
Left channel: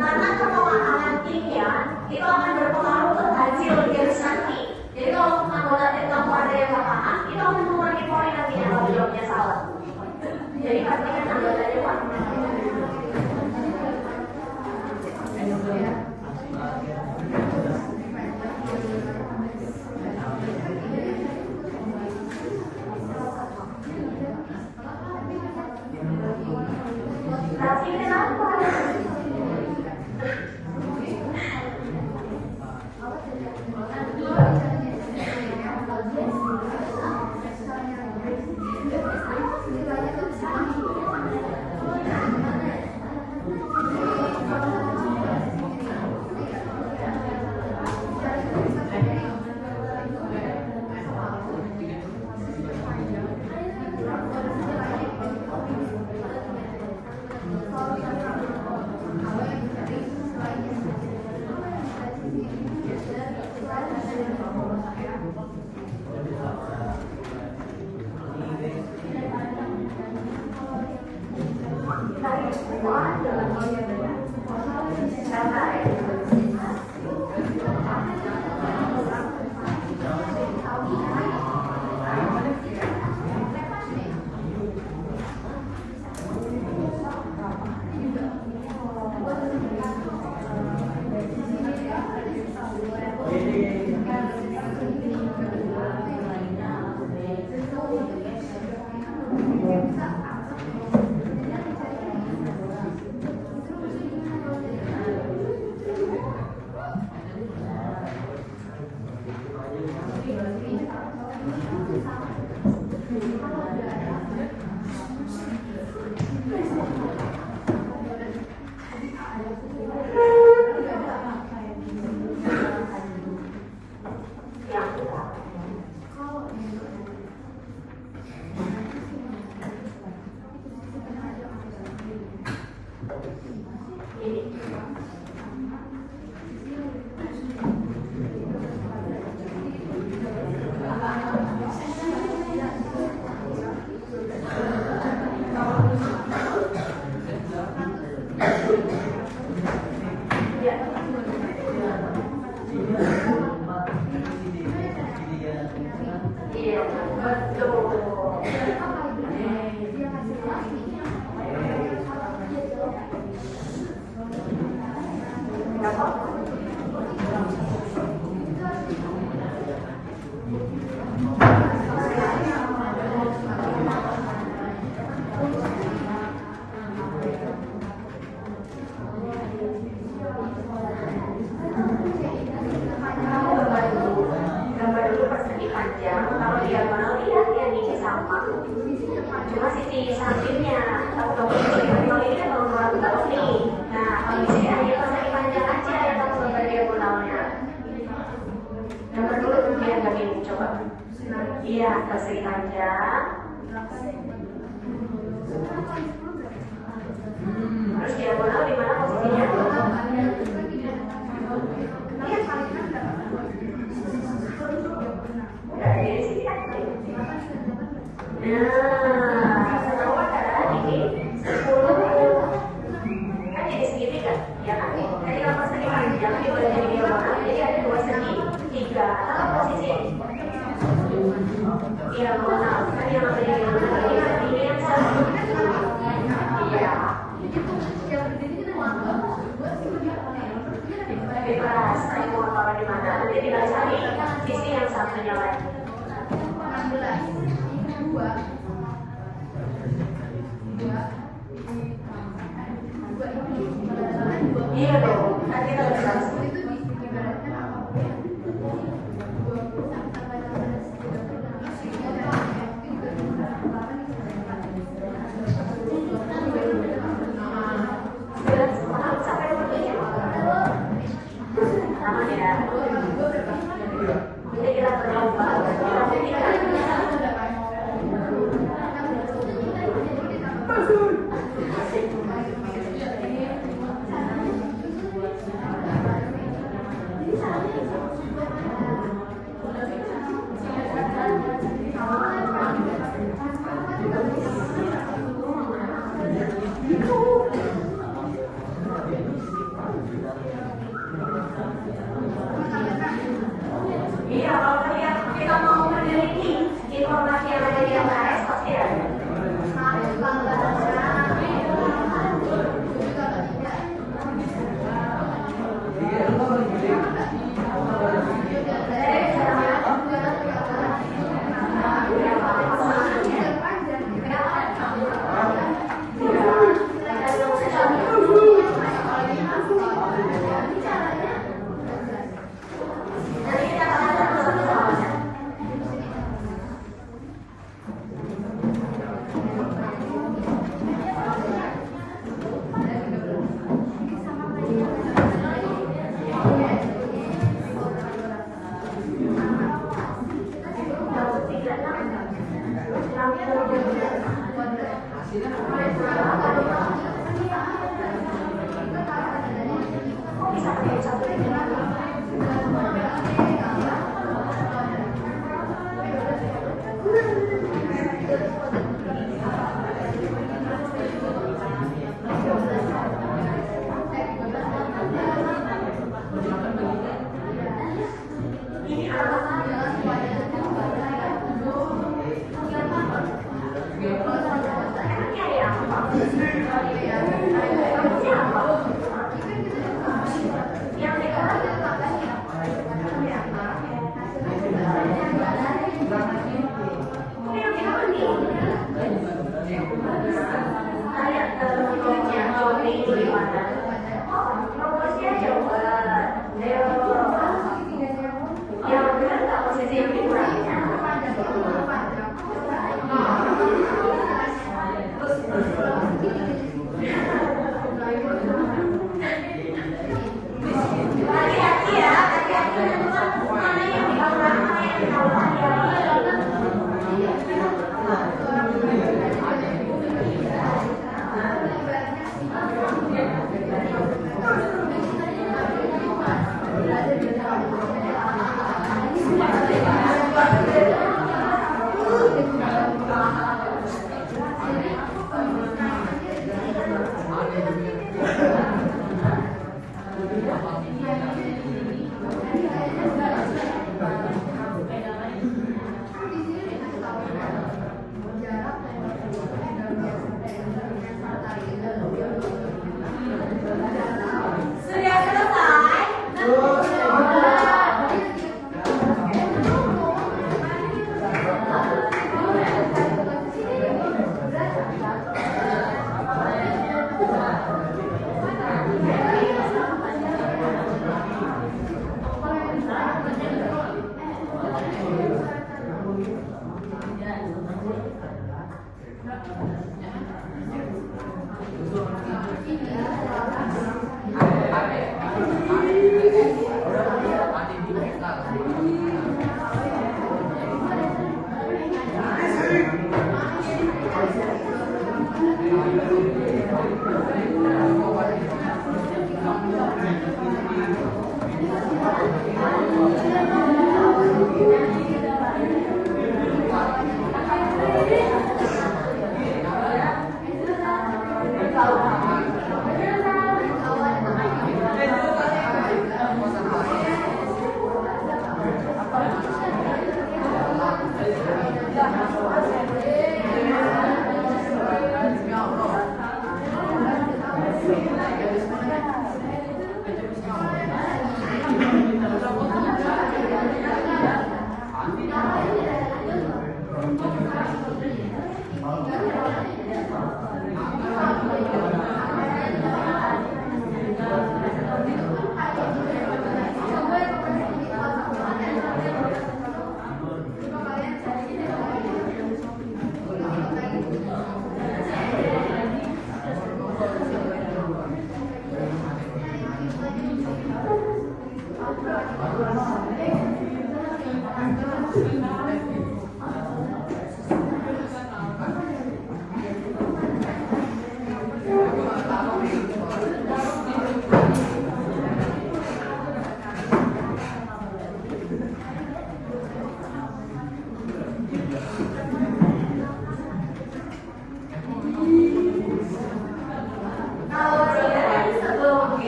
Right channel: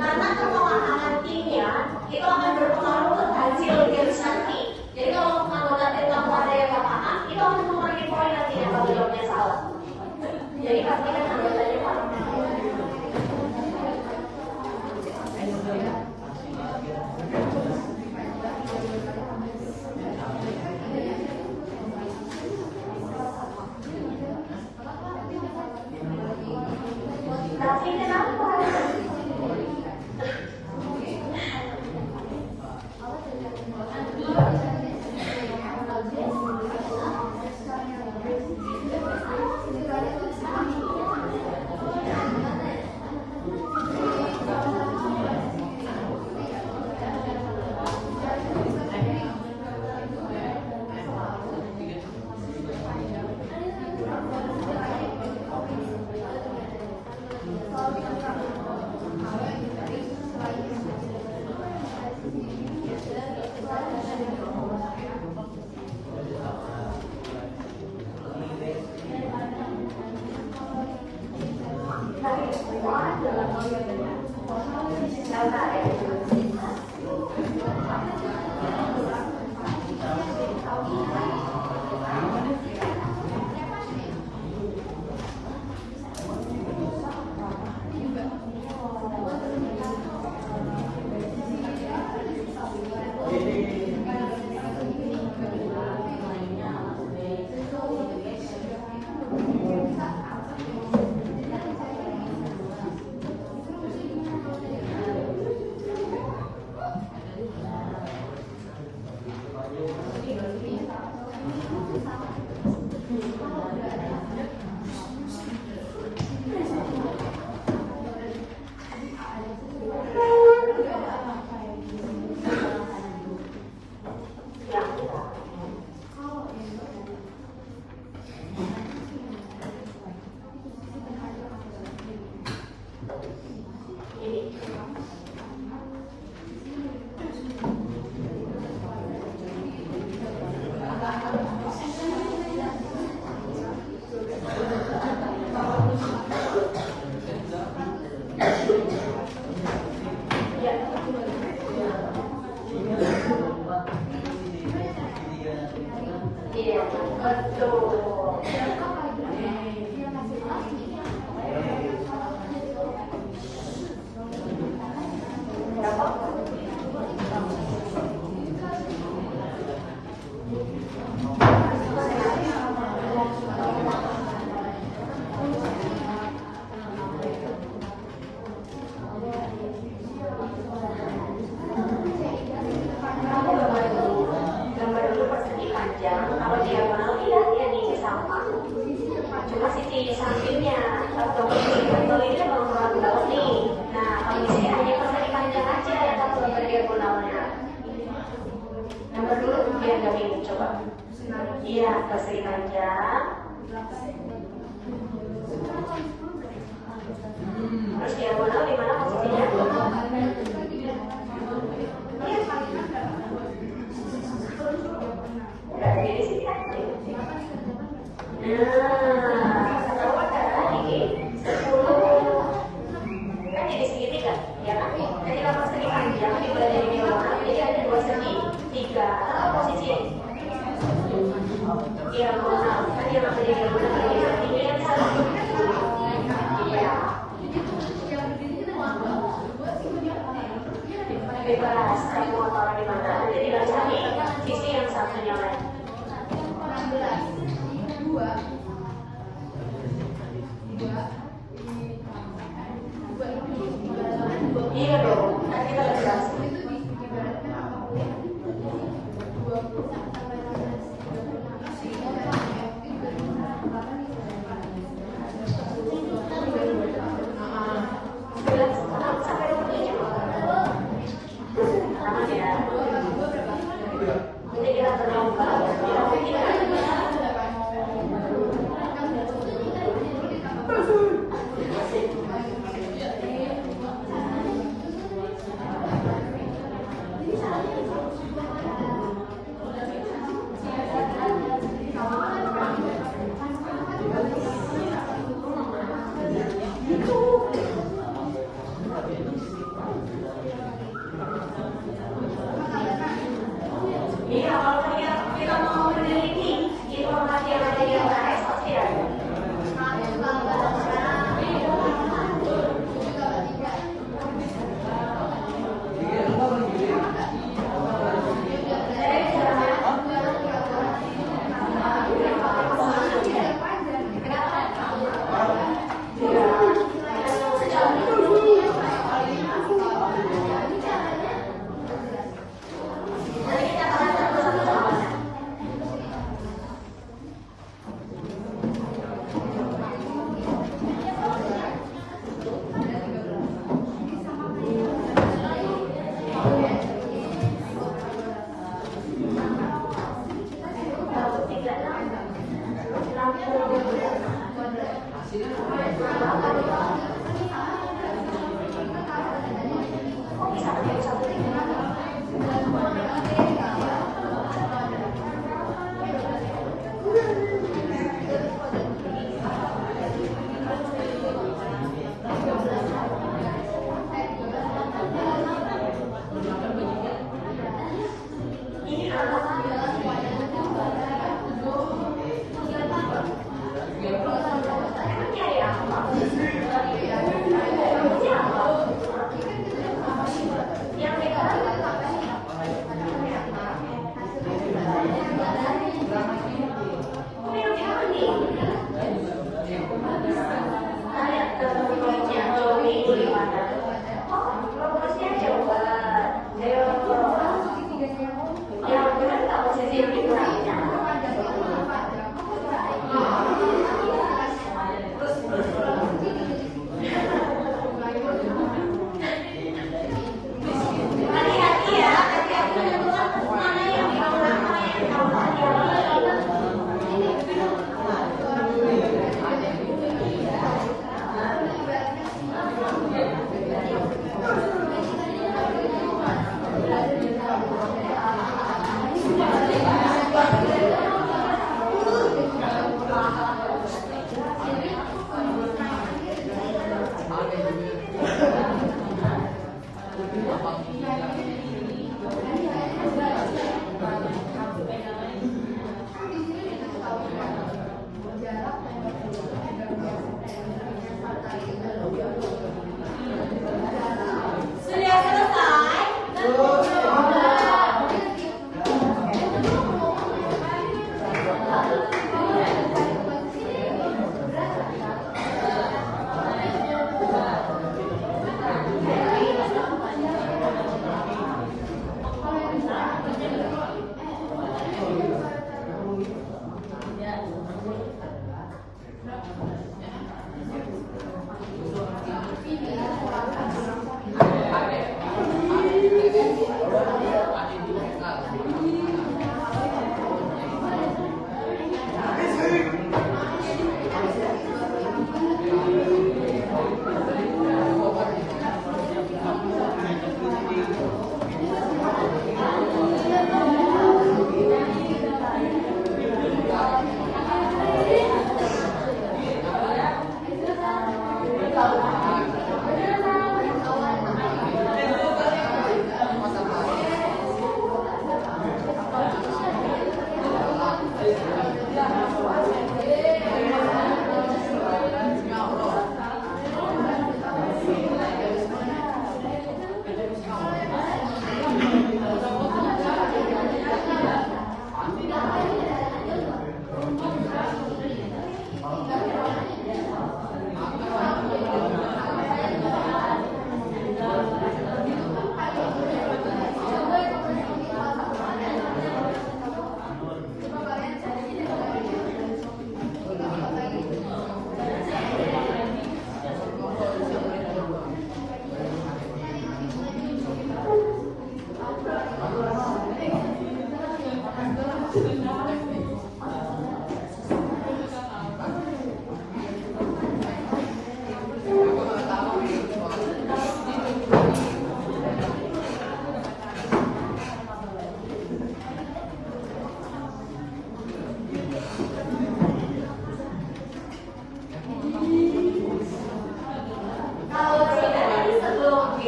Karena kepemahaman timnya itu akan berpengaruh ke hasil games nanti. Jadi kalau anggota tim kamu ada yang nggak paham, itu akan mengurangi poin nantinya kalau jawabnya salah. Jadi pastikan anggotanya paham. Tapi kenapa? Iya, betul. Gambar dulu persegi panjang. Kalau diagonal lihat yang ini sama. Cuma sisi sampingnya. Kalau kamu sisi panjang ini belum banget nih. Nah, kalau di sini hanya persegi panjang aja yang kamu gambar diagonalnya. Gambar dulu biar gak bingung. Coba. Iya, persegi panjang. diagonal di mana posisinya? Udah di sini kan? Nah, setelah adalah ini 10 kan jadi segini kan? Ya kan? Jadi kalau persegi panjang dibuat jadi diagonal, jadi ada 2 segi 3. Atau posisi diagonal kan yang apa diagonal ini yang satu. Iya. Bebas, kamu mau taruh di mana? Nanti tinggal cari sisi yang satunya lagi. Iya dong, kan kita bisa. Sama ya. Jadi kita berlomba, tapi kita iya, kalau kita mau meneliti informasi yang ada di LKS pasti ada. Sudah selesai?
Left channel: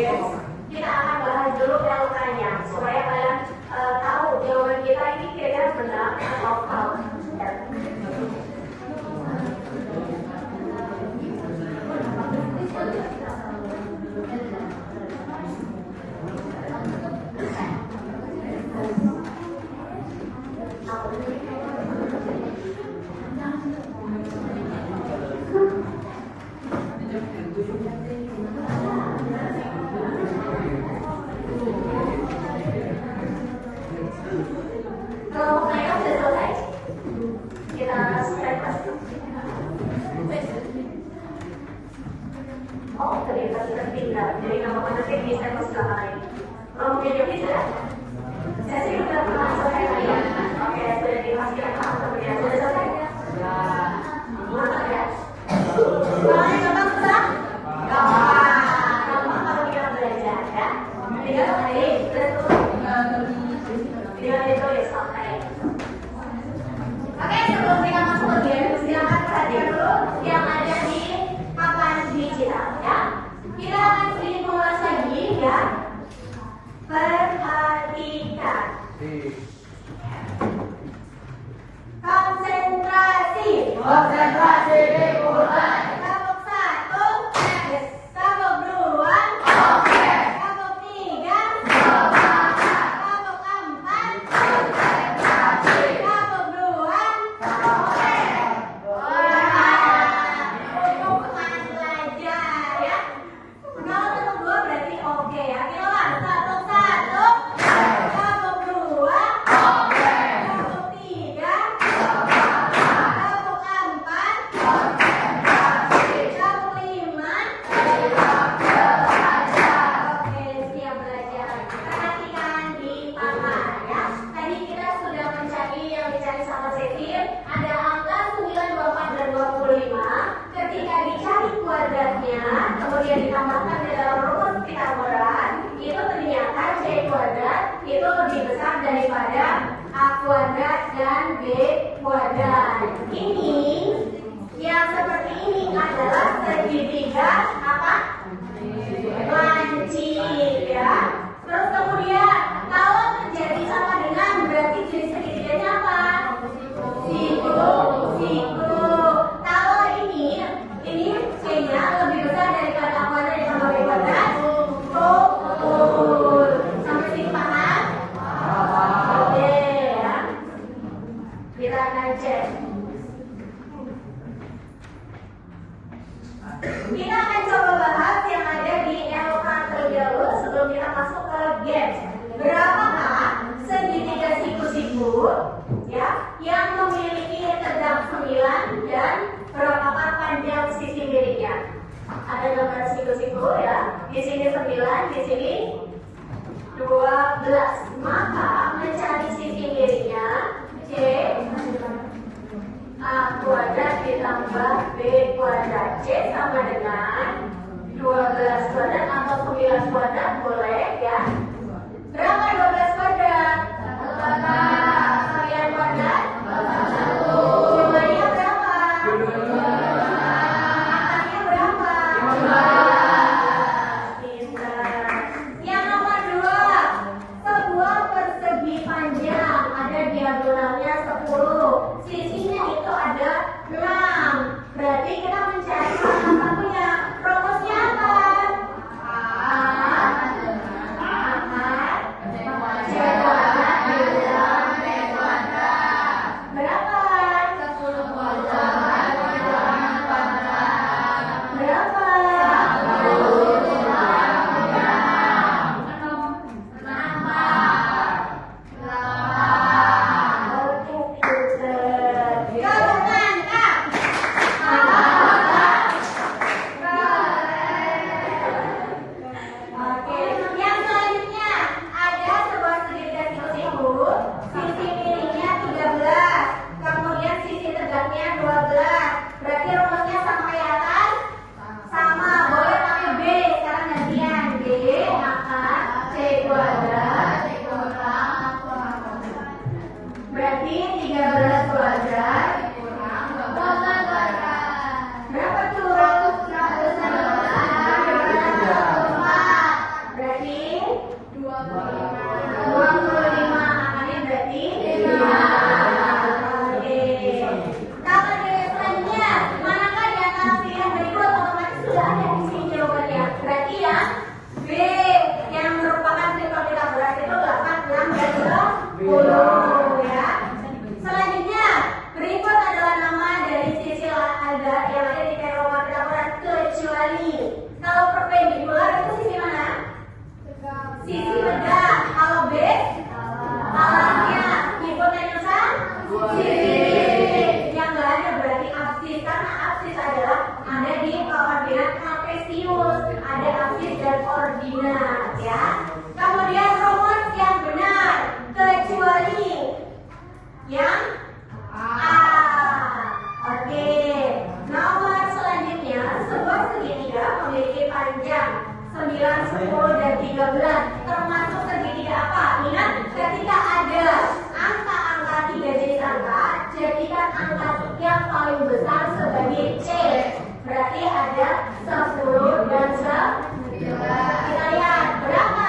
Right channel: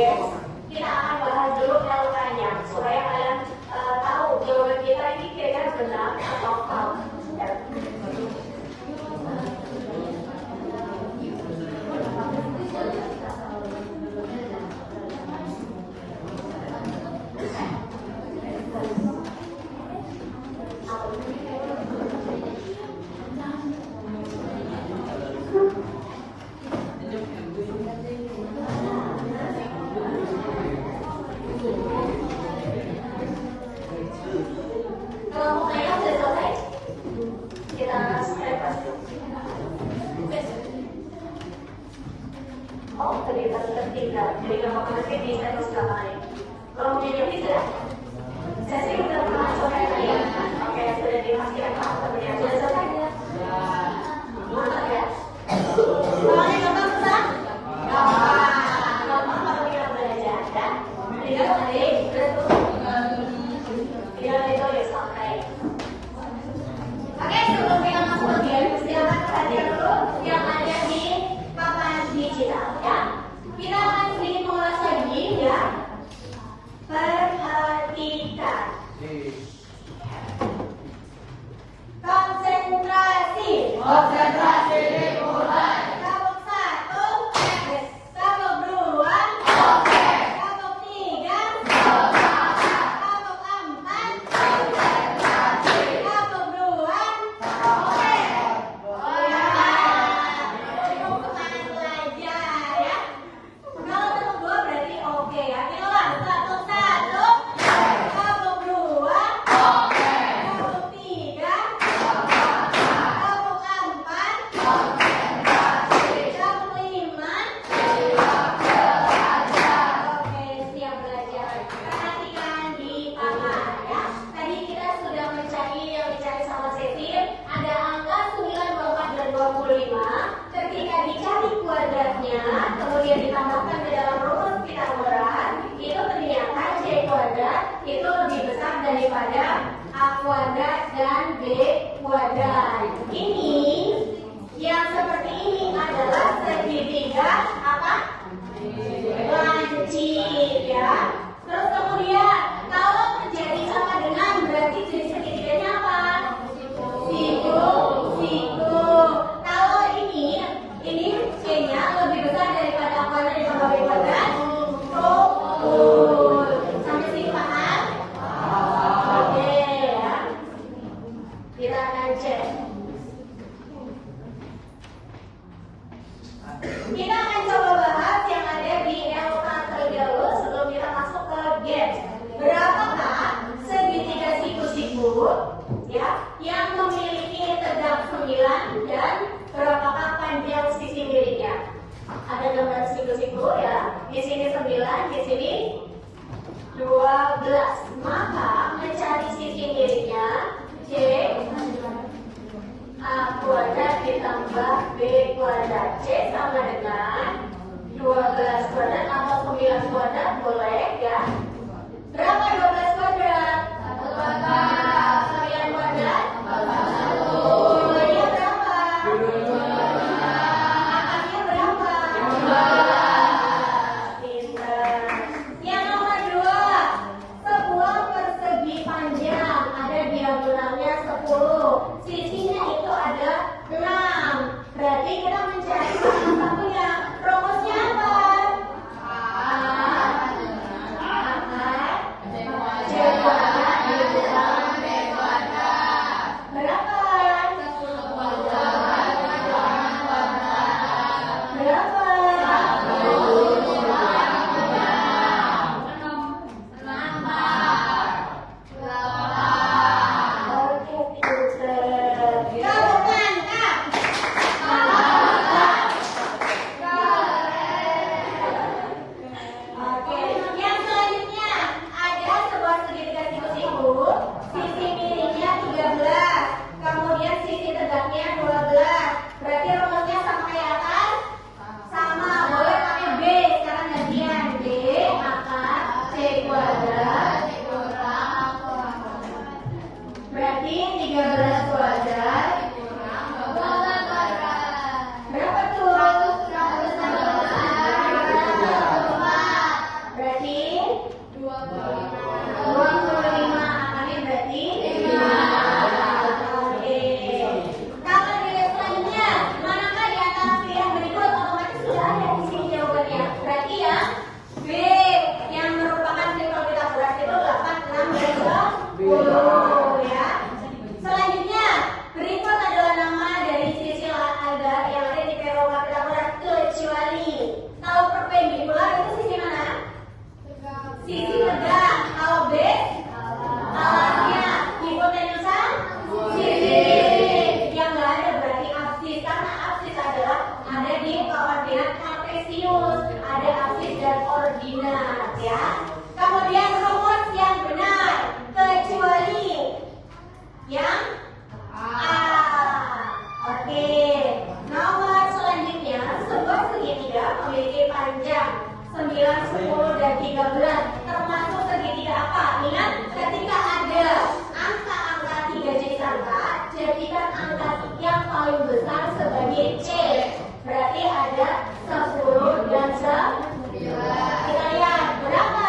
Yes. Kita akan bahas dulu realitanya supaya kalian tahu jawaban kita ini kira-kira benar atau salah. Kalau saya sudah selesai, kita selesai. Oh, ternyata tertinggal. Jadi nama penasih bisa di sebelah lain. Kalau punya Jovi sudah? Saya sih sudah pernah selesai ya. Oke, sudah dipastikan paham temannya. Sudah selesai? Mantap ya. Soalnya gampang susah? Gampang kalau kita belajar ya. Tinggal selesai, terus tinggal ditulis sampai. Oke, sebelum kita masuk ke game, silakan perhatikan dulu yang ada di papan digital ya. Kita akan sedikit mengulas lagi ya. Perhatikan. Konsentrasi. Konsentrasi dimulai. Tabuk 1, tabuk 2, tabuk 3, tabuk 4, tabuk 2. Cukup belajar ya. Kalau tabuk 2 berarti oke ya. Kita ulang. Tabuk 1, tabuk 2, tabuk 3, tabuk 4, tabuk 5. Oke, siap belajar. Perhatikan di papan ya. Tadi kita sudah mencari yang dicari sama Cecil. Ada angka 9, 24, dan 25. Ketika dicari kuadratnya, kemudian ditambahkan di dalam rumus Pitagoras, itu ternyata C kuadrat itu lebih besar daripada A kuadrat dan B kuadrat. Ini yang seperti ini adalah segitiga apa? Lancip ya. Terus kemudian kalau terjadi sama dengan berarti jenis segitiganya apa? Siku. Kalau ini C-nya lebih besar daripada A kuadrat ditambah B kuadrat. Rukun. Sampai sini paham? Oke ya. Kita akan cek. Kita akan coba bahas yang ada di LK terlebih dahulu sebelum kita masuk ke game. Berapakah segitiga siku-siku ya yang memiliki tegak 9 dan berapakah panjang sisi miringnya? Ada gambar siku-siku ya. Di sini 9, di sini 12. Maka mencari sisi miringnya C A kuadrat ditambah B kuadrat. C sama dengan 12 kuadrat atau 9 kuadrat boleh ya. Berapa 12 kuadrat? 9 kuadrat? Nilainya berapa? Angkanya berapa? Pintar. Yang nomor 2, sebuah persegi panjang ada diagonalnya 10. Sisinya itu ada 6. Berarti kita mencari salah satunya. Rumusnya apa? A ada aktif dan ordinat ya. Kemudian rumus yang benar kecuali yang A. Oke. Nomor selanjutnya, sebuah segitiga memiliki panjang 9, 10, dan 13 termasuk segitiga apa? Ingat, ketika ada angka-angka 3 jenis angka, jadikan angka yang paling besar sebagai C. Berarti ada 10 dan 11. Kita lihat berapa?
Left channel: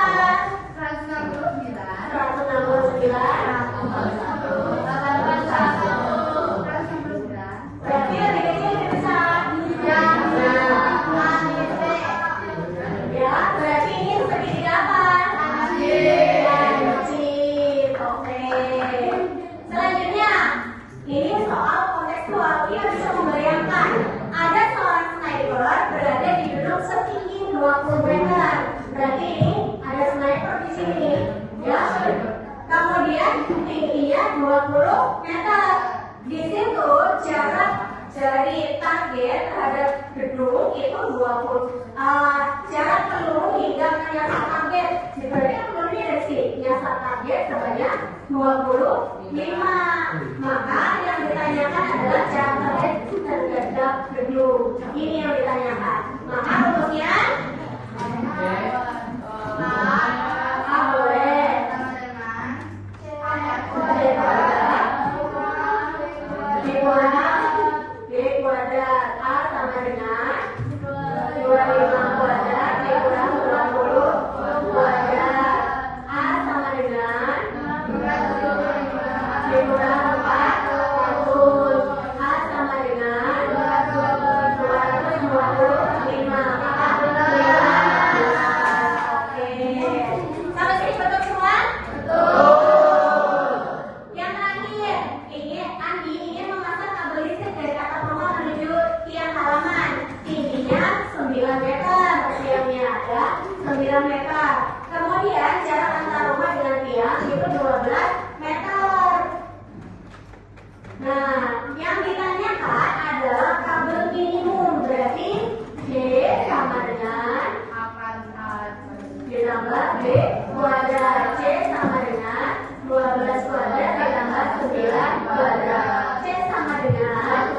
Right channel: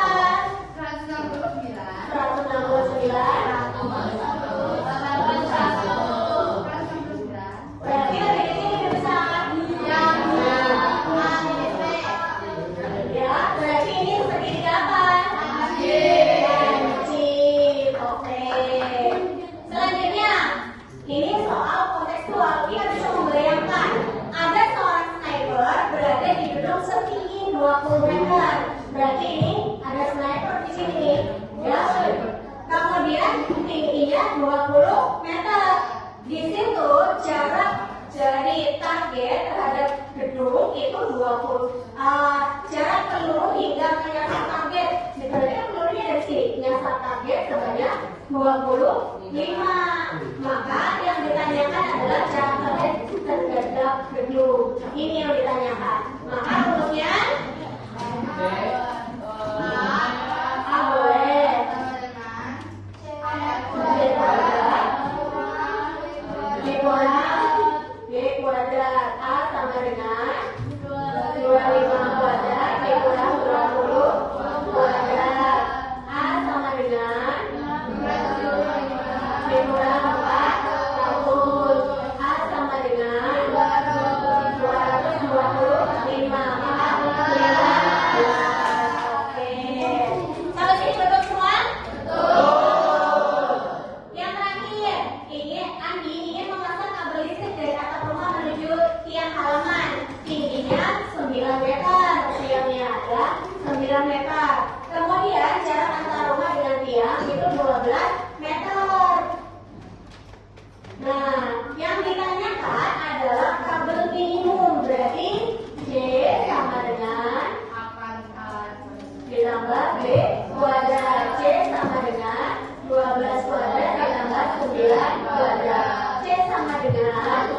169. 169. Berarti lebih kecil lebih besar. Ya, berarti ini segitiga apa? Lancip. Oke. Selanjutnya, ini soal kontekstual. Kita bisa membayangkan ada seorang sniper berada di gedung setinggi 20 meter. Berarti ini ada sniper di sini. Ya. Kemudian tingginya 20 meter. Di situ jarak dari target terhadap gedung itu 20. Jarak peluru hingga menyasar target. Sebenarnya pelurunya dari sini menyasar target sebanyak 25. Maka yang ditanyakan adalah jarak target terhadap gedung. Ini yang ditanyakan. Maka rumusnya A boleh. B kuadrat A sama dengan 25 kuadrat B kurang 20 kuadrat. A sama dengan B kurang 400. A sama dengan 225. Maka oke. Kalau ini betul semua? Yang terakhir, Andi ingin memasang kabel listrik dari atap rumah menuju tiang halaman. Tingginya 9 meter, tiangnya ada 9 meter. Kemudian jarak antara rumah dengan tiang itu 12 meter. Nah, yang ditanyakan adalah kabel minimum. Berarti J sama dengan ditambah B kuadrat. C sama dengan 12 kuadrat ditambah 9 kuadrat. C sama dengan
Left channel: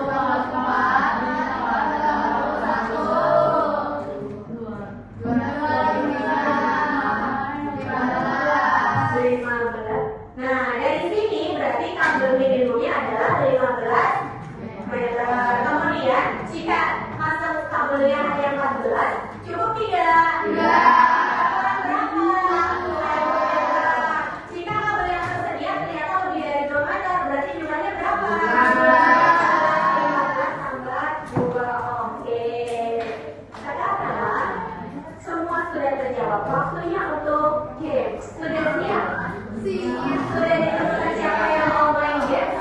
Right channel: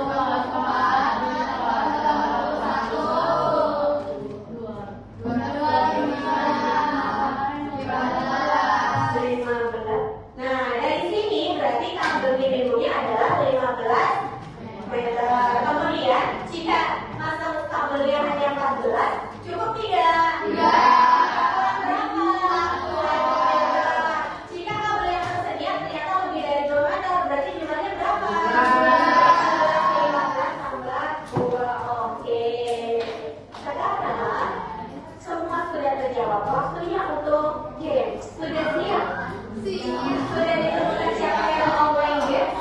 15. Nah, dari sini berarti kabel minimumnya adalah 15 meter. Kemudian jika masuk kabel yang hanya 14, cukup tidak? Jika kabel yang tersedia ternyata lebih dari 2 meter, berarti jumlahnya berapa? 15 tambah 2. Oke. Sekarang semua sudah terjawab. Waktunya untuk games. Sudah siap? Sudah ditemukan siapa yang mau main games?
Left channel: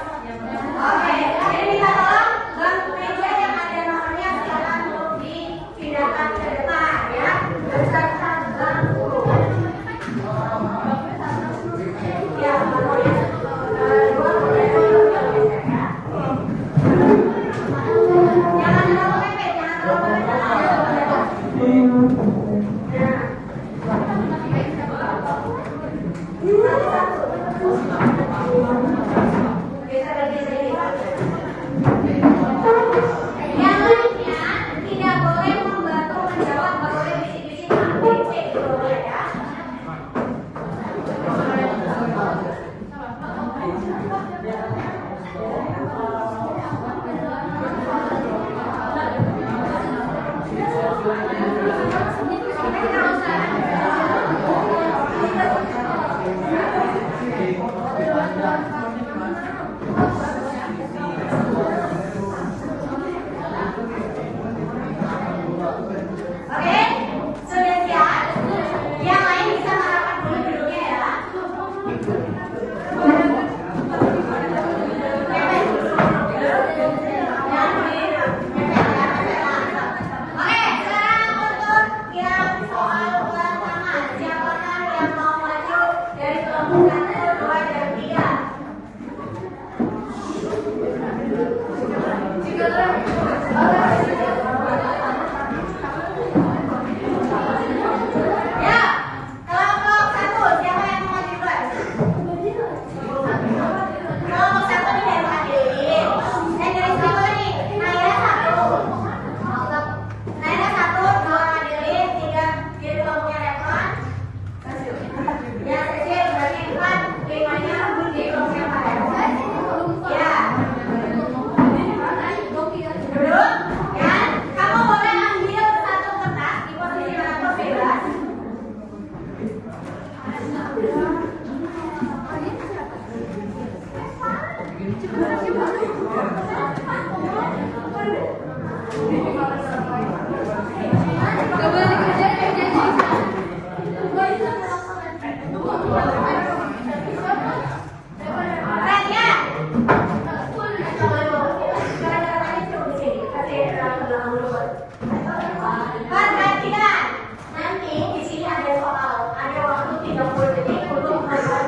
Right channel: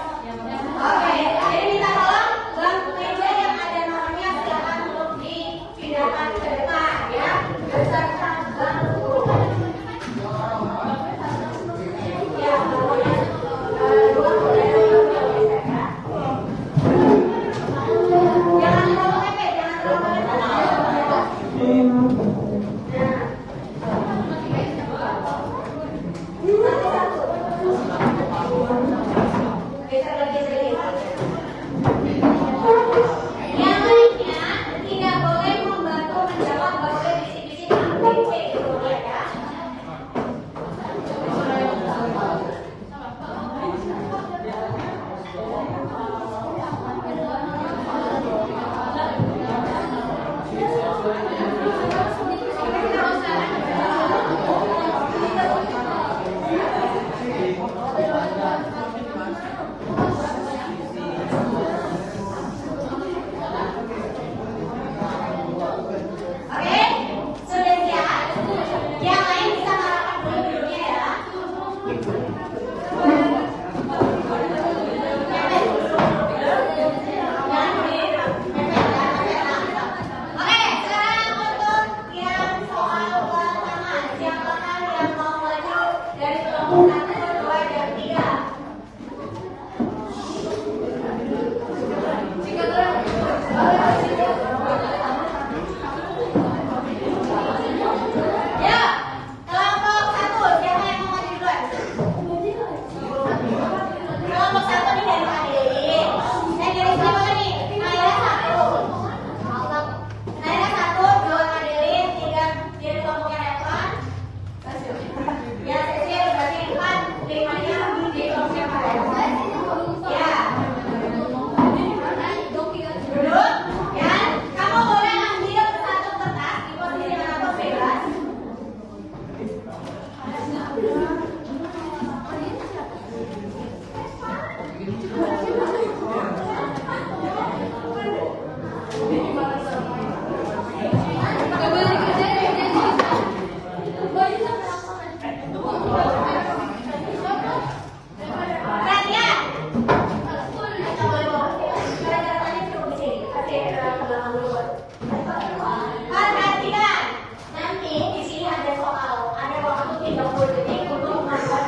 Oke. Jadi minta tolong bangku meja yang ada nomornya silakan untuk dipindahkan ke depan ya. Beserta bangku. Ya, pokoknya 2 boleh geser ya. Jangan terlalu mepet, jangan terlalu mepet. Nah, geser lagi sedikit.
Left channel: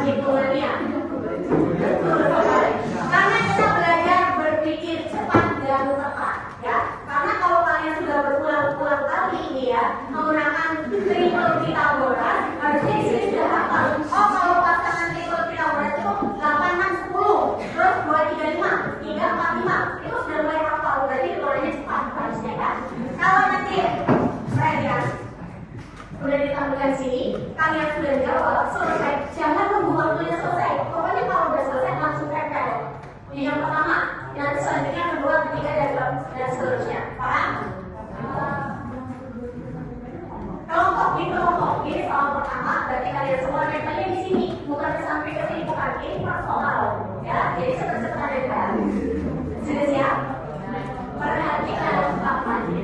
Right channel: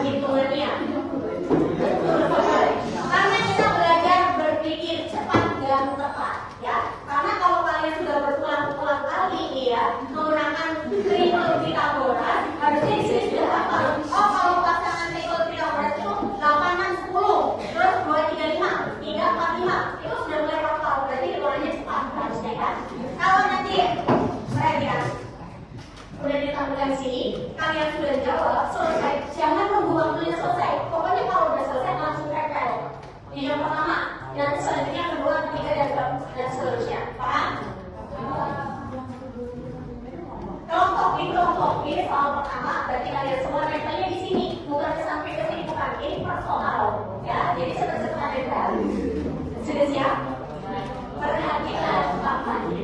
hitungannya. Betul sekali. Karena kita belajar berpikir cepat dan tepat, ya. Karena kalau kalian sudah berulang-ulang kali ini ya menggunakan triple Pythagoras, harusnya di sini sudah hafal. Oh, kalau pasangan triple Pythagoras itu 8 man 10, terus 2 3 5, 3 4 5, itu sudah mulai hafal. Berarti hitungannya cepat harusnya kan. Kalau nanti perhatikan udah ditampilkan sini, kalian sudah jawab selesai, jangan nunggu waktunya selesai. Pokoknya kalau udah selesai langsung tempel. Yang pertama, nanti selanjutnya kedua, ketiga dan seterusnya. Paham? Kelompok ini soal pertama, berarti kalian semua tempelnya di sini, bukan sampai ke sini, bukan ini per soal. Ya, jadi cepat-cepat tempel. Sudah siap? Perhatikan papannya.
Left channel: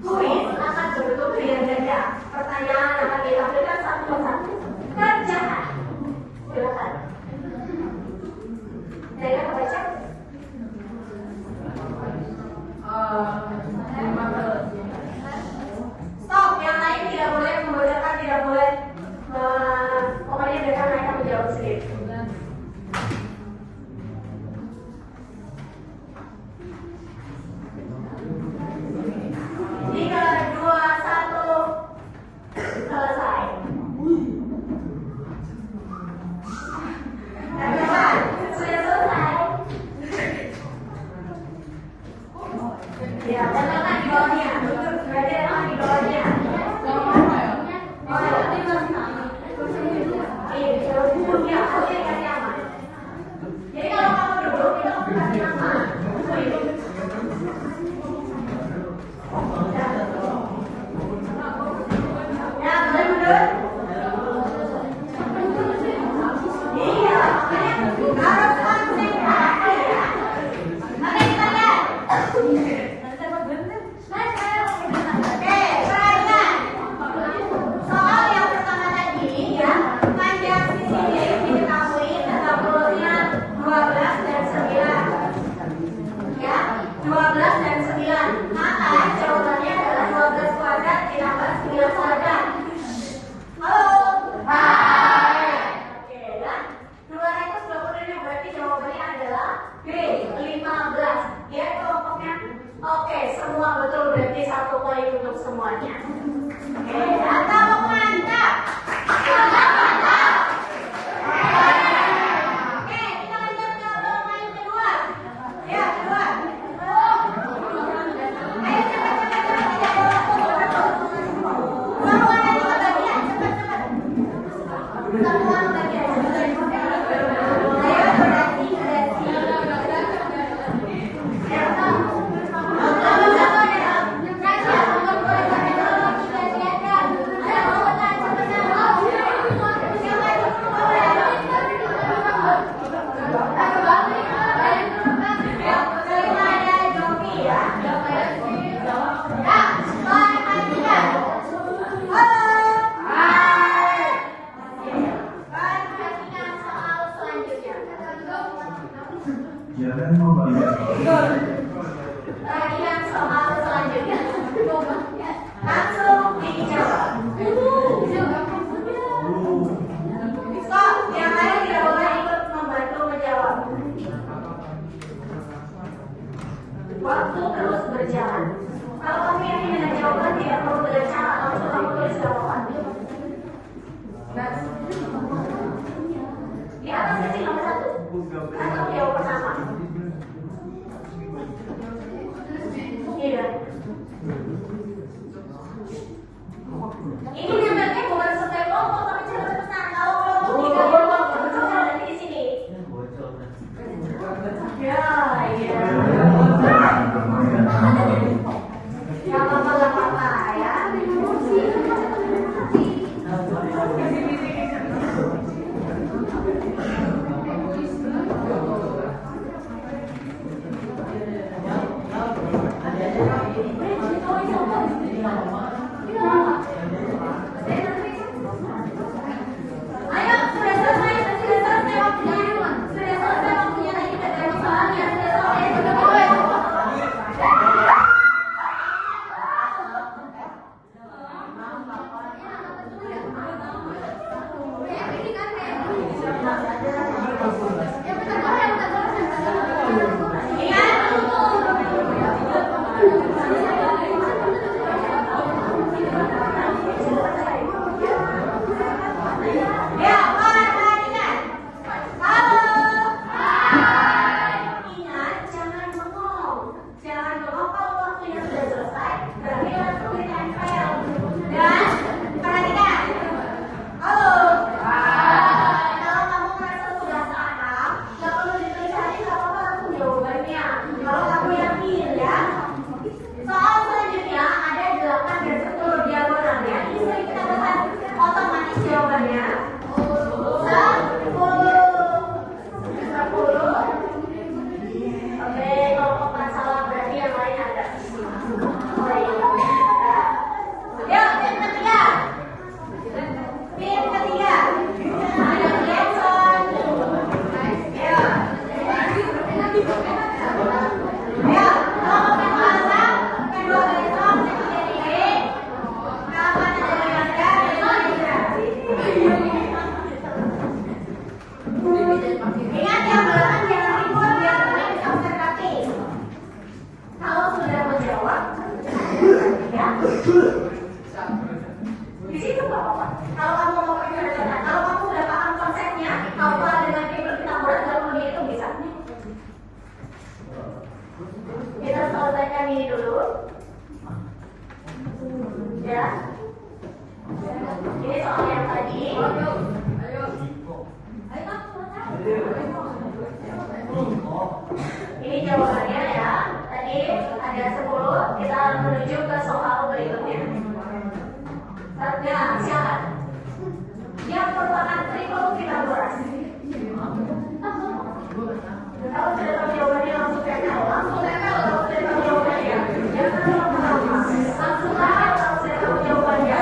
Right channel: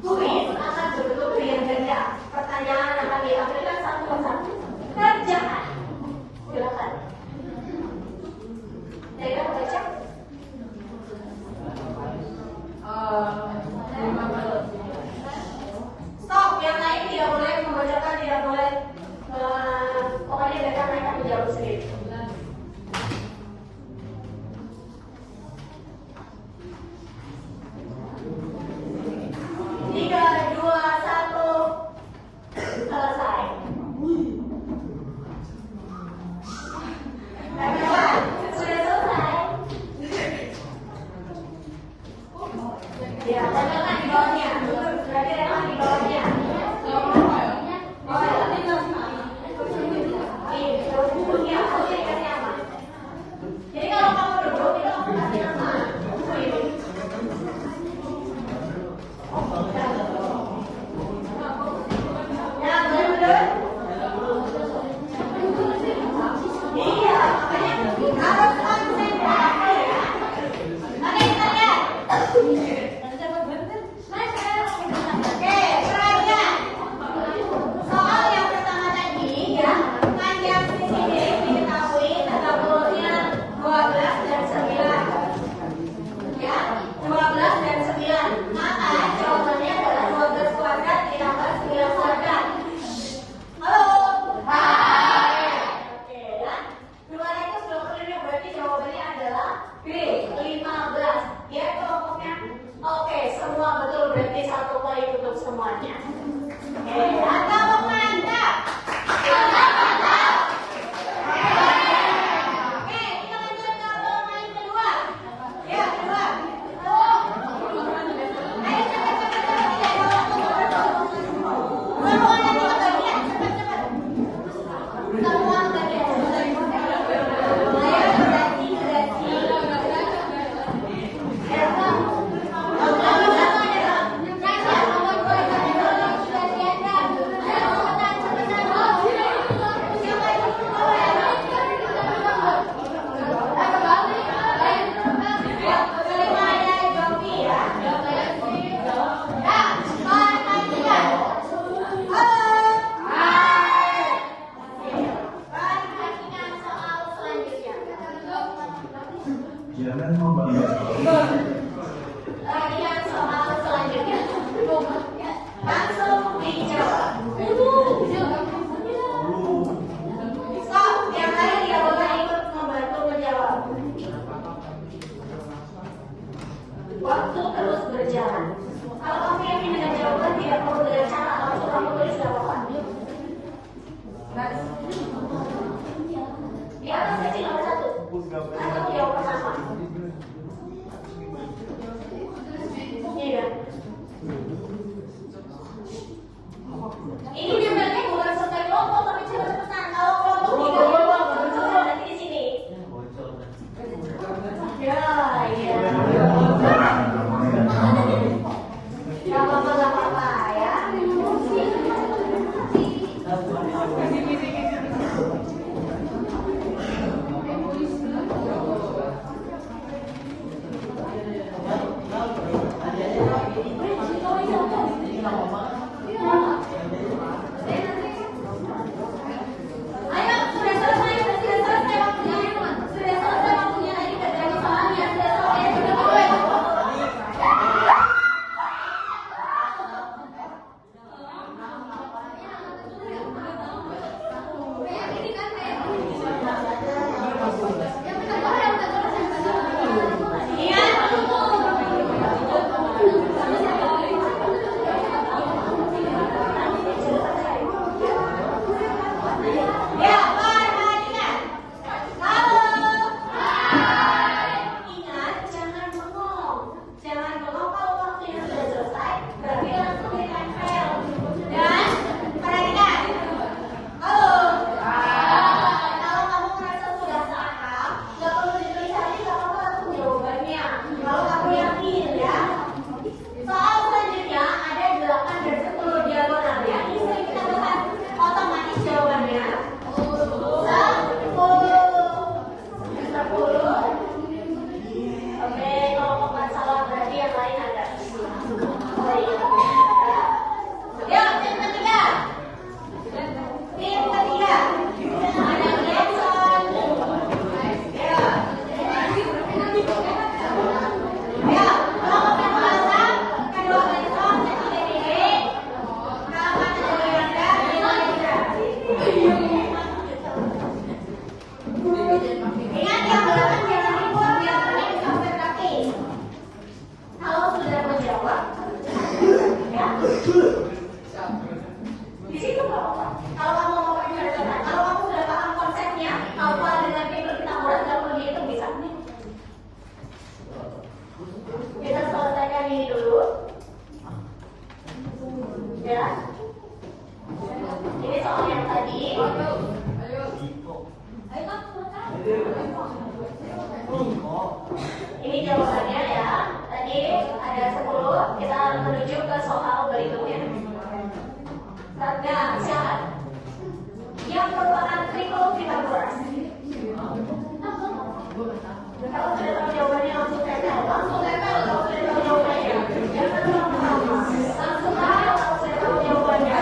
Kuis akan berbentuk pilihan ganda. Pertanyaan akan ditampilkan satu persatu. Kerjakan. Silakan. Saya baca. Stop. Yang lain tidak boleh membacakan, tidak boleh. Pokoknya mereka menjawab sendiri. 3, 2, 1, selesai. Kawan, sudah selesai. Ya, teman-teman di bawahnya. Berarti teman di bawahnya. Jadi kalau kamu berdua, kita mau kasih nama. Ya, benar-benar. Iya, harus konsentrasi. Oke, perhatikan. Soal yang pertama tadi ya, panjang sisi D diketahui tetapi 12 dan 9. Ya, 12 dan 9. Maka jawabannya adalah 12 kuadrat ditambah 9 kuadrat. Halo. Hai. Oke, dan 220 berarti jawabannya adalah B, 15. Ya, kelompoknya. Oke, semua betul, berarti 1 poin untuk semuanya. Oke, mantap, mantap. Mantap. Oke, kita lanjut ke poin kedua. Ya, kedua. Ayo, cepat. Semua nanti kebagian, cepat. Semua kebagian. Ayo, berarti. Jangan membayar. Perhatian soal selanjutnya. Langsung dijawab. Stop, yang lain tidak boleh ikut membantu menjawab. Waktu terus berjalan. Kalau kamu yakin dengan jawaban, tidak perlu dengan cara langsung kamu tulis di halaman. Di atas kecil nomor 1. Atau jawab pertama. Iya. Ini sebenarnya bukan sesuai kelompok, tapi cepat-cepat. Kalau kelompok 3 itu ada di sini. Ya, iya. Gak apa-apa ya. Kalau kamu yakin ya. Soal selanjutnya ada 8 dan 10 diagonalnya. Ini kita dapat otomatis jawabannya 10. Oke, kalau bukan salah berarti yang lain ada. Oh iya. Yuk, tim ketiga. Tim ketiga. Ada Jason. Ya. Ya, kalau pasang kedua Jason ketiga ini. Kapan dari Anda ingat ya, belakangan jangan ribut, yang penting konsentrasi. Kalau sudah menjawab, ya. Di situ nggak apa-apa. Kalau kamu mau menceritakan, kalau kamu udah paham konsepnya, apa dengan fitur kita buat jalur itu bisa. Kita selesaikan ini dulu. Ya. Ini soal yang tadi. Ini jawabannya ya. Tadi ada 10. Kita menuju ke soal berikutnya. Nah, silakan. Yang merupakan tripel Pythagoras. Kalau sudah tahu jawabannya langsung tanya. Langsung tanya kalau sudah tahu jawabannya. Jangan lama-lama. Langsung aja kalau sudah tahu jawabannya.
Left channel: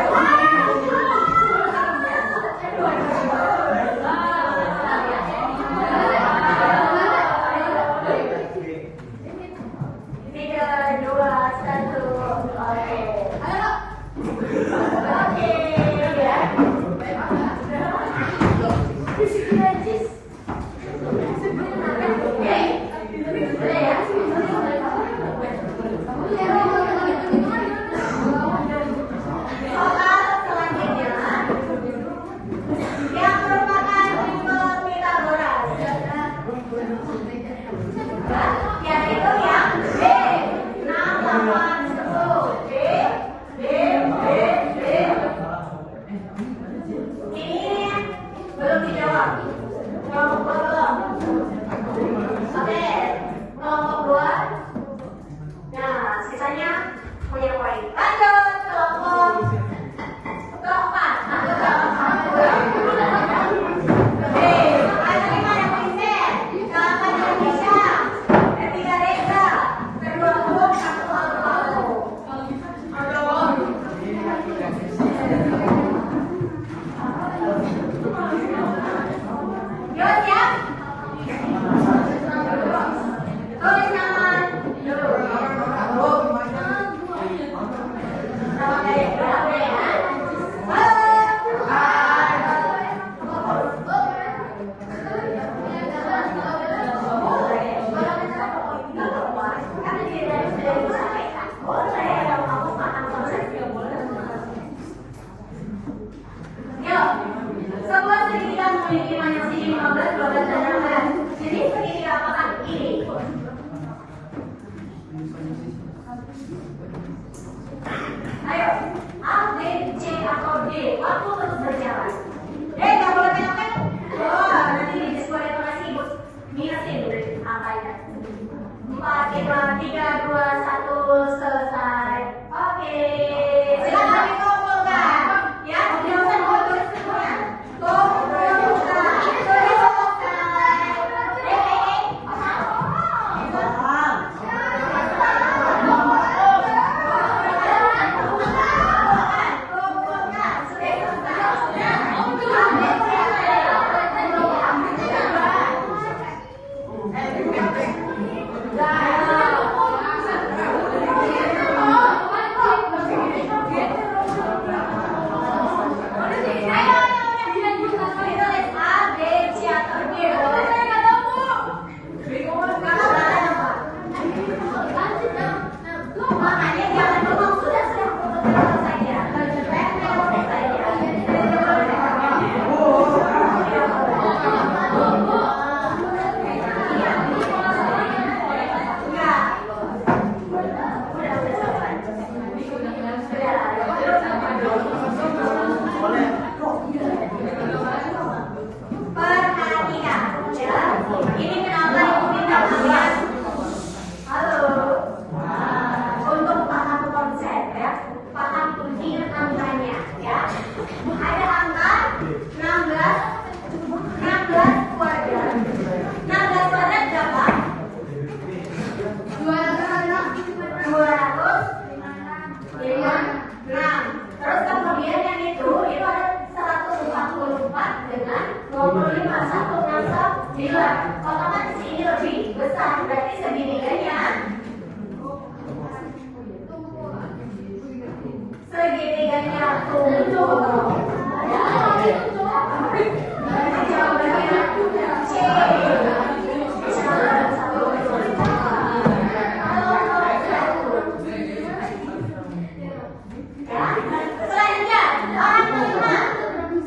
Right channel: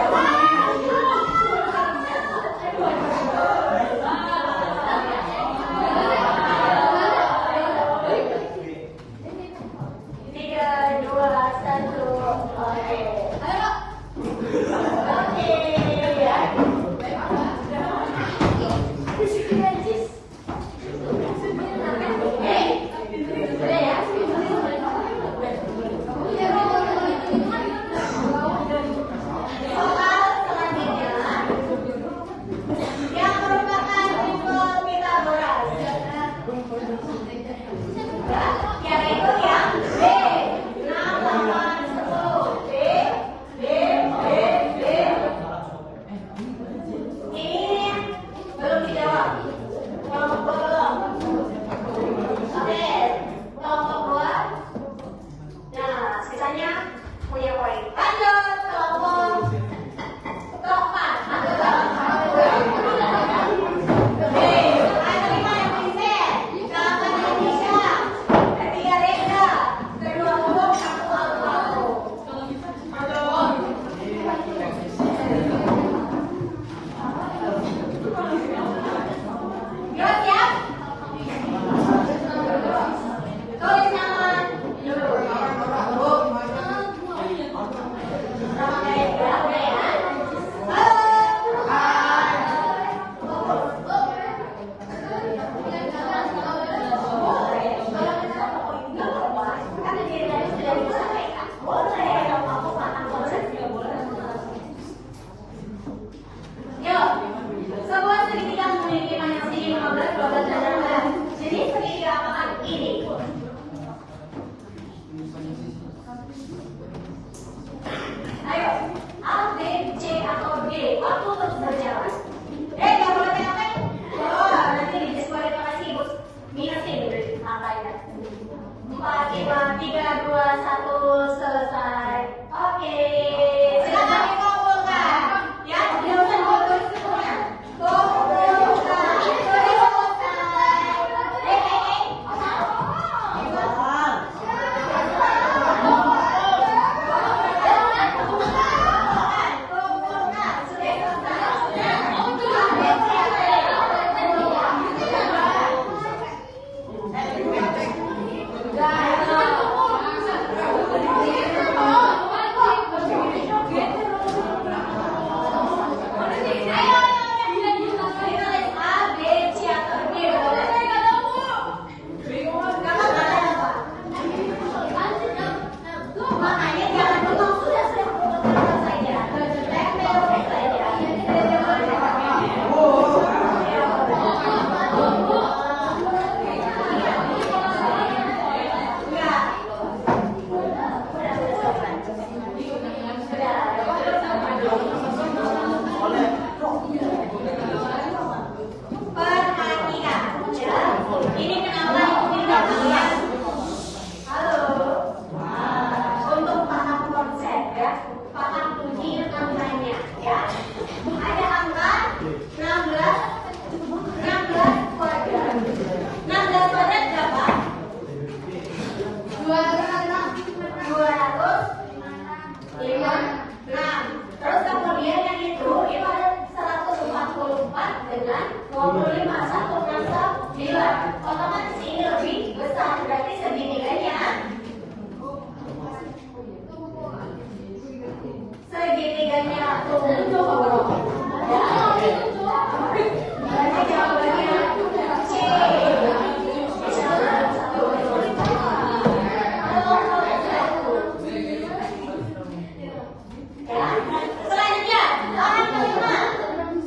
Selanjutnya, orang kelima.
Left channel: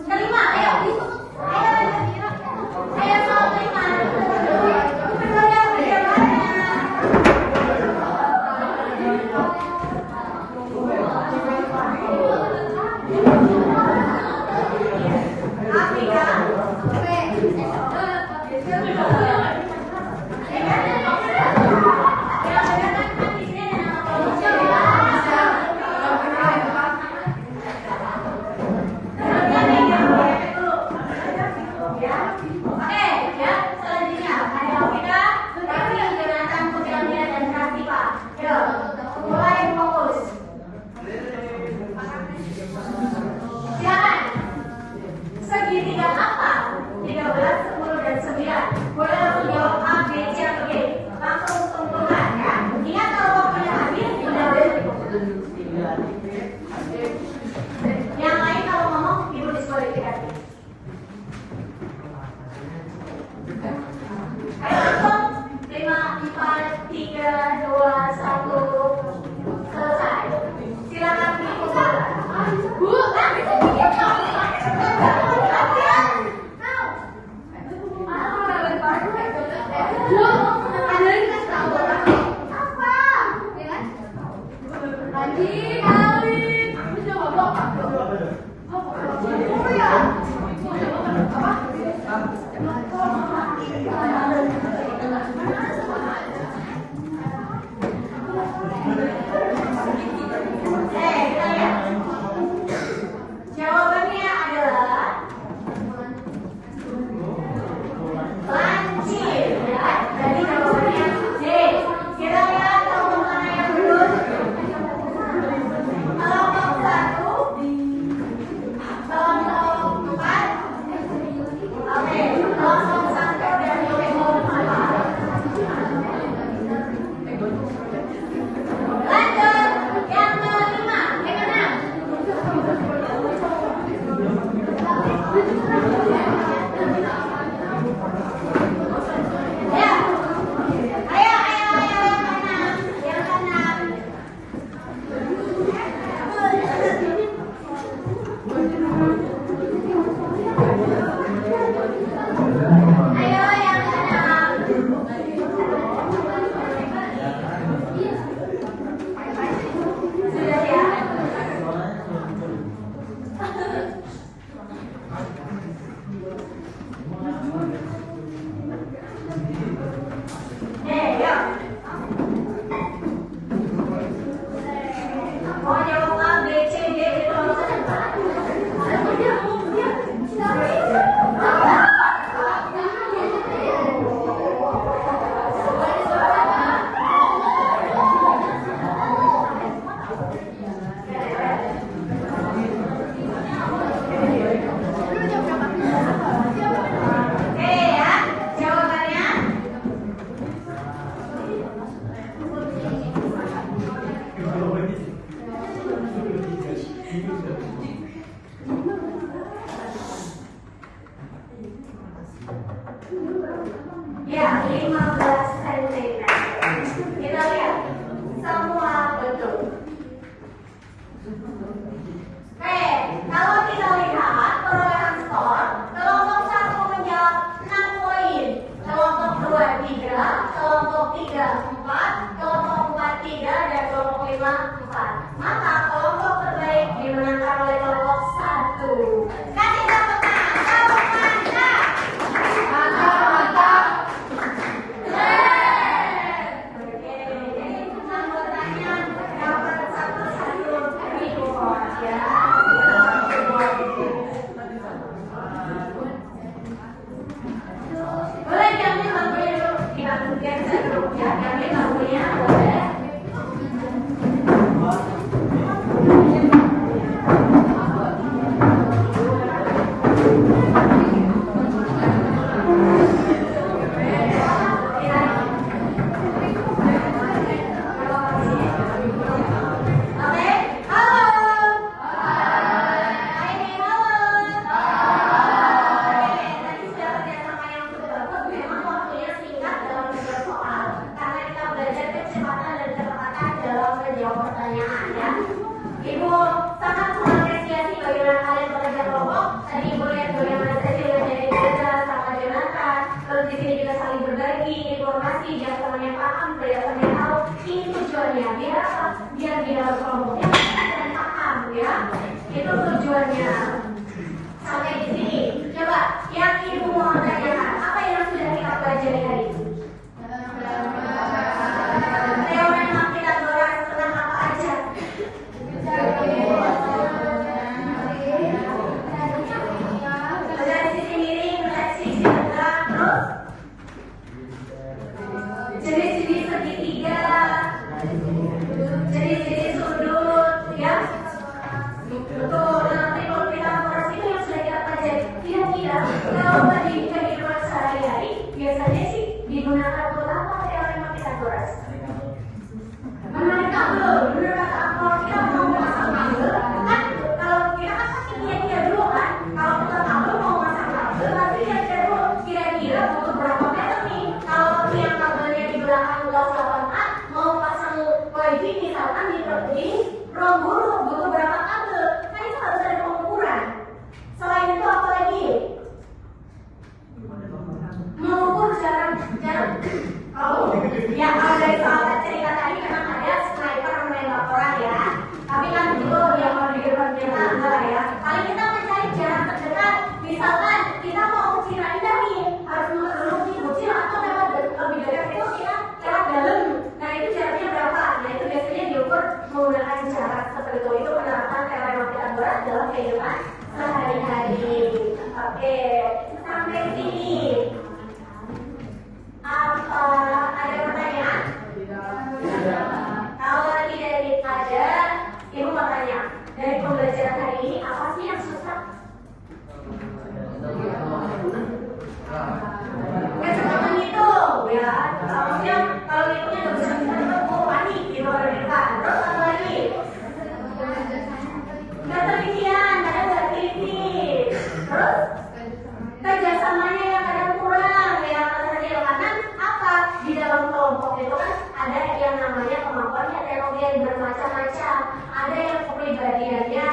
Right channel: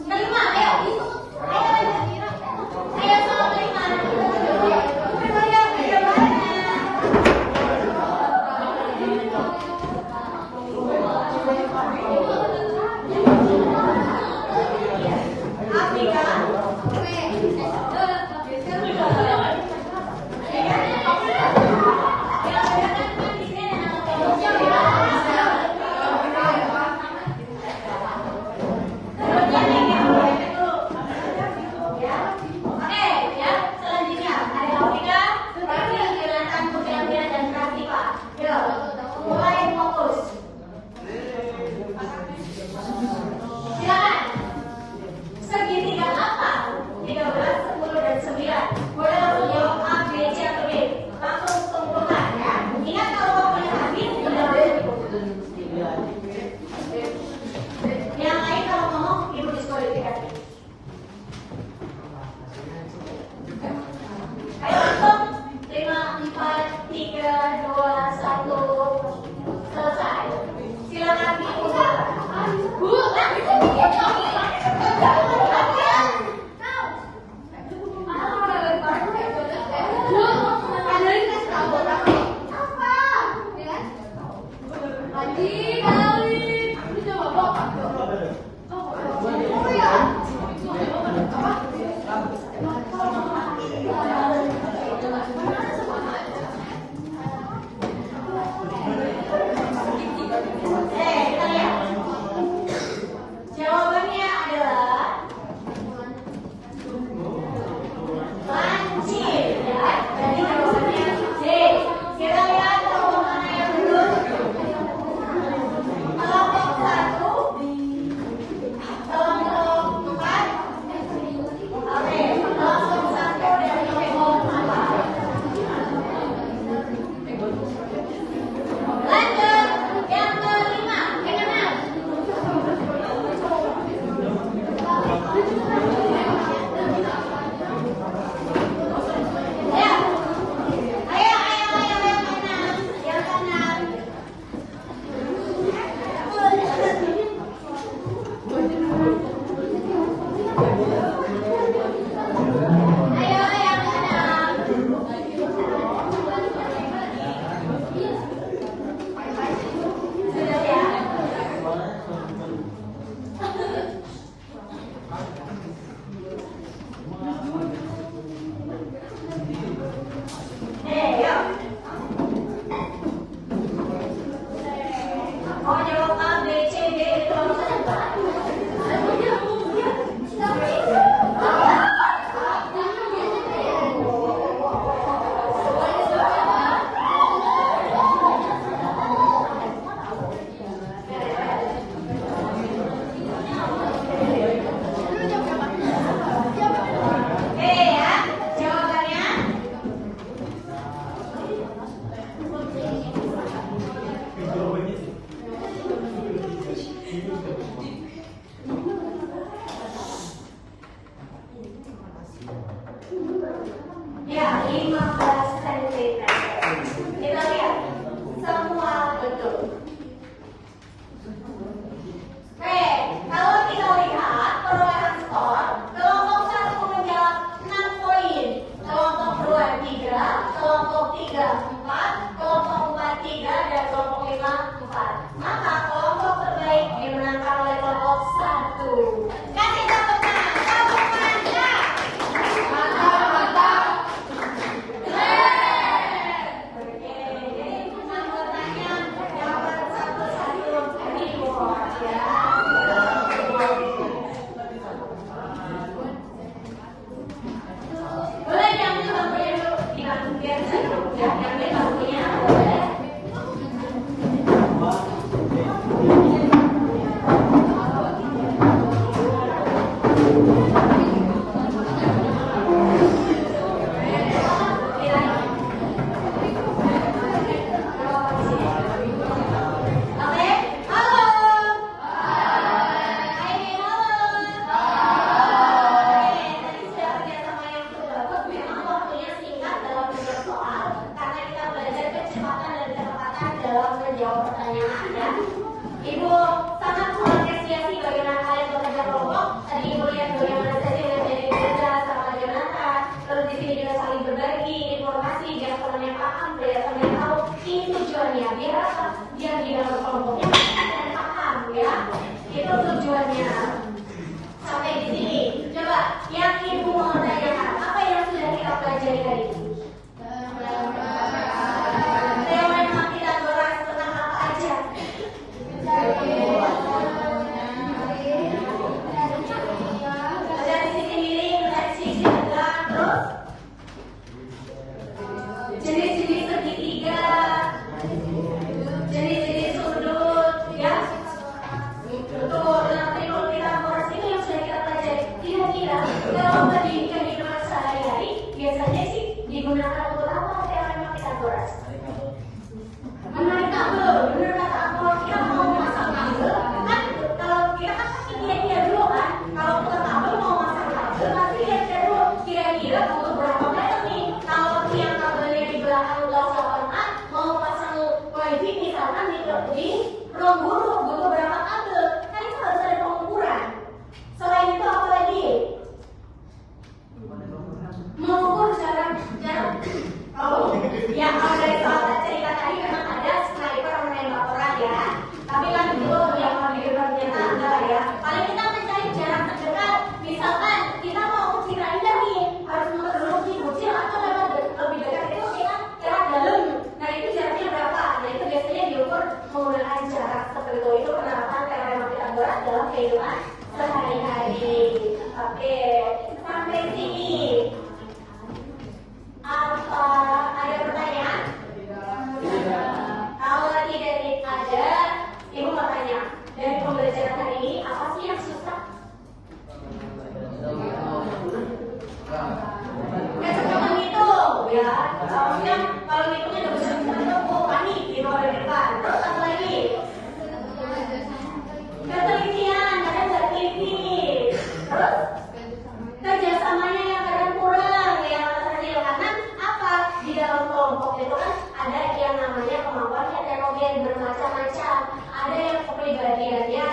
Kelima, ayo. Ayo soal kelima. Segitiga apa? 13, 10, dan 9. Boleh menjawab A, B, C, atau D. Langsung sempurna ya. Ingat kalau waktunya habis, tidak boleh dikumpulkan. Yang lain kalau ngomong, ibu diskualifikasi. Ayo langsung. 5, 4, 3, 2, 1. Selesai. Silakan dikumpulkan. Bu, jawabannya adalah lancip ya. Jadi jawabannya D. Kita lihat jawaban mana yang betul. di sini juga saling berbagi informasi, biar temannya paham, biar temannya tahu. Ini tujuannya biar apa? Biar di dalam kelompoknya dan paham ya. Itu tujuannya. Sampai di sini. Coba yang ibu mau tanyakan, apa yang sudah kita pelajari hari ini? Teorema Pythagoras tentang apa aja? Dari sisi miring, dari sisi tegak, terus jenis-jenis segitiga, jenis-jenis sudut, ya. Untuk tribun Pythagoras itu yang sudah kita pelajari. Kira-kira kalau bandingkan hidup sehari-hari, biasanya sih digunakan untuk apa teorema Pythagoras? Menurut kamu, menurut kata aku, kita mau masang tabel, kan kalau kita kan pasti lihat dulu kan, kalau kita tabel mau masang tabel, pasti lihat dulu kira-kira butuh berapa meter nih. Kalau yang tabelnya di belakang kelas 8A mau pasang wifi misalkan di ruang guru butuh berapa kabel, kan itu harus ada pengukuran. Selain itu apa lagi? Mengukur jarak. Oh, ya kalau dari soal cerita tadi memang ada sniper menembak orang ya. Tapi kan itu yang mau di depan kita enggak ya. Paling kita mencari jarak terdekat. Misalkan kita mau uji render nih, harus muter dulu uji atau dapat lebih dekat itu kita jarak dalam. Nah itu jaraknya berapa? Nah itu biasanya diukur menggunakan jarak seperti itu. Itu penerapan teorema Pythagoras dalam kehidupan sehari-hari. Oke, sampai sini. Apa ada pertanyaan? Kalau tidak ada, ibu mau tanya. Dari pembelajaran hari ini, apa sih yang susah? Gak cuma menghitung, ya. Maksudnya kalau ngitungnya gak bisa menghitung, panik di bawah depan. Terus apa lagi? Ketelitian, ada teliti nih. Terus kerjasamanya yang kadang kurang, yang karena apa? Di dalam kelompok itu kan ada yang namanya kemampuan heterogen bermacam-macam. Ada yang kepribadiannya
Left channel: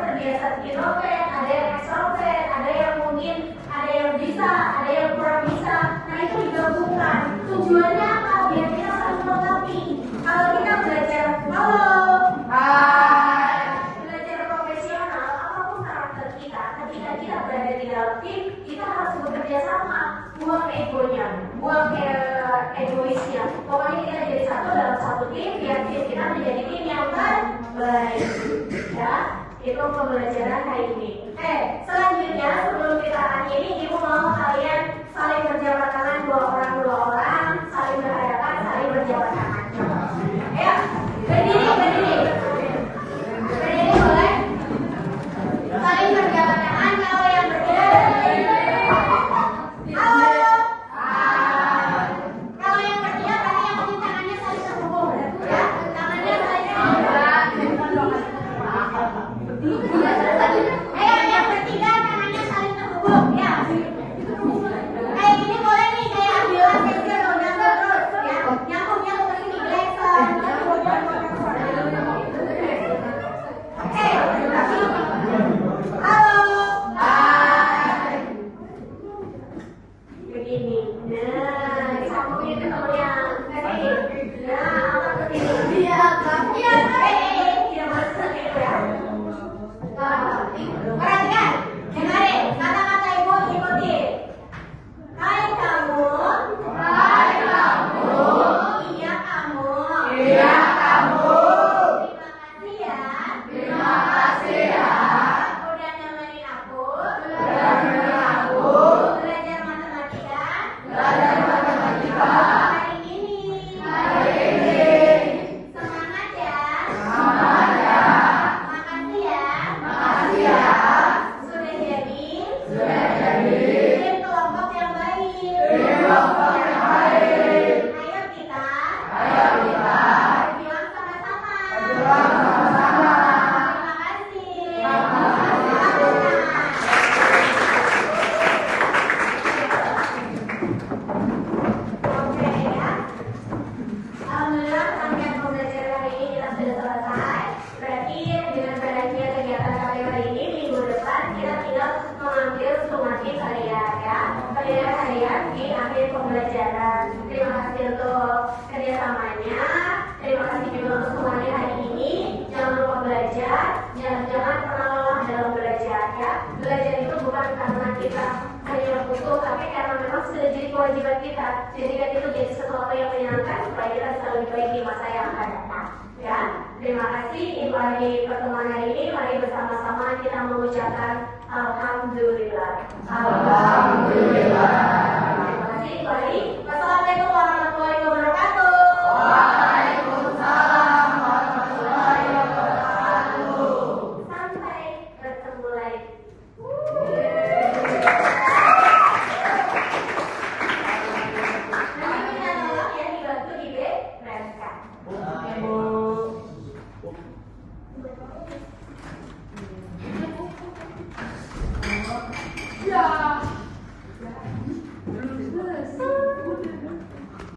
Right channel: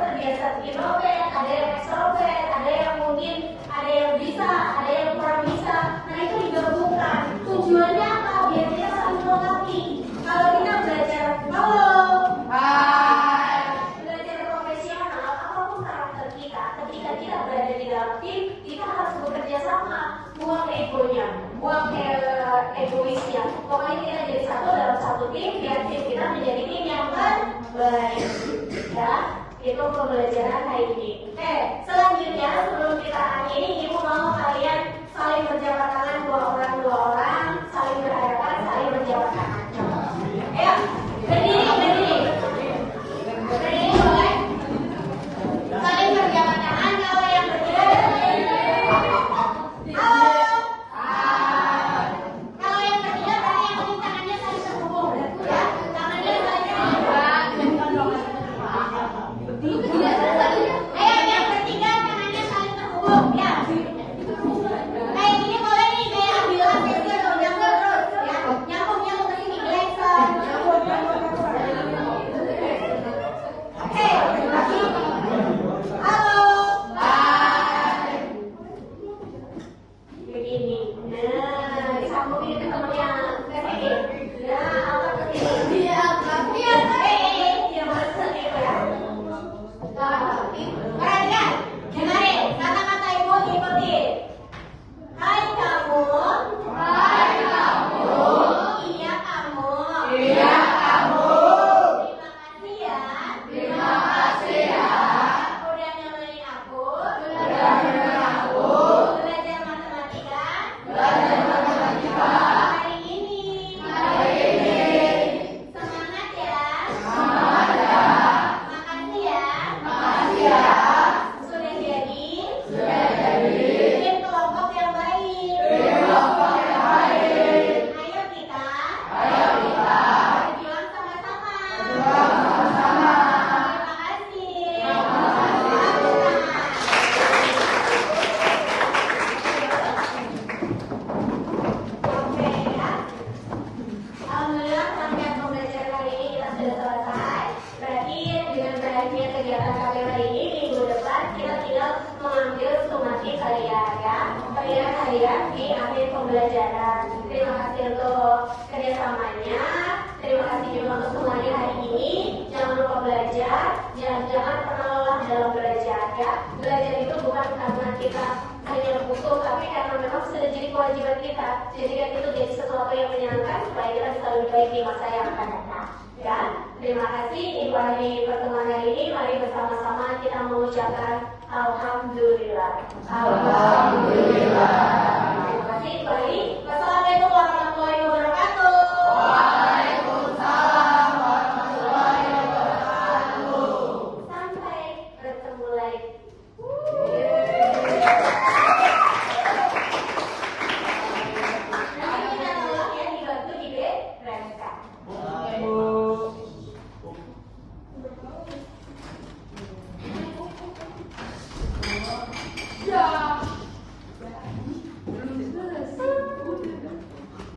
terbiasa introvert, ada yang extrovert, ada yang mungkin ada yang bisa, ada yang kurang bisa. Nah itu digabungkan. Tujuannya apa? Biar kita saling melengkapi. Kalau kita belajar, belajar profesional, apapun karakter kita, ketika kita berada di dalam tim, kita harus bekerja sama. Buang egonya, buang egoisnya. Pokoknya kita jadi satu dalam satu tim, biar tim kita menjadi tim yang terbaik. Ya, itu pembelajaran hari ini. Selanjutnya sebelum kita akhiri, ibu mau kalian saling berjabat tangan dua orang, saling berhadapan, saling berjabat tangan. Ayo, berdiri. Berdiri boleh. Saling berjabat tangan. Kalau yang berdiri. Kalau yang ketiga tadi yang mungkin tangannya saling terhubung ya, tangannya saling terhubung. Ayo yang bertiga tangannya saling terhubung ya. Kayak gini boleh nih, kayak ambil atau nyambung terus ya, nyambung ini geser. Oke. Halo. Begini, nah disambungin ke temennya ke sini. Nah, apa ke sini? Iya, dia masuk itu ya. Perhatikan, dengarin kata-kata ibu, ikuti. Hai kamu. Iya kamu. Terima kasih ya. Udah nyamain aku. Belajar matematika. Hari ini. Semangat ya. Makasih ya. Sudah jadi. Tim kelompok yang baik. Ayo kita. Berjuang sama-sama. Terima kasih. Oke ya. Alhamdulillah rangkaian pembelajaran hari ini kita sudah selesai. Berarti dengan berakhirnya kegiatan kali hari ini, minggu depan depan kita tinggal mengambil sumatif harian ya, pembelajaran harian di akhir pembelajaran. Terima kasih untuk kerjasamanya. Terima kasih juga untuk semuanya hari ini. Jangan lupa belajar, jangan pernah lelah dalam belajar ya. Belajar itu bukan karena kita hanya butuh, tapi karena memang sudah jadi kewajiban kita. Jadikan itu jadi sesuatu yang menyenangkan supaya kita bisa lebih baik di masa yang akan datang. Ya, terima kasih ibu hari pertemuan hari ini. Mari bersama-sama kita mengucapkan Alhamdulillah. Alhamdulillah. Terima kasih ibu hari. Wassalamualaikum warahmatullahi wabarakatuh. Waalaikumsalam warahmatullahi wabarakatuh. Sampai bertemu lagi. Nanti kita tolong ya dibantu di bereskan.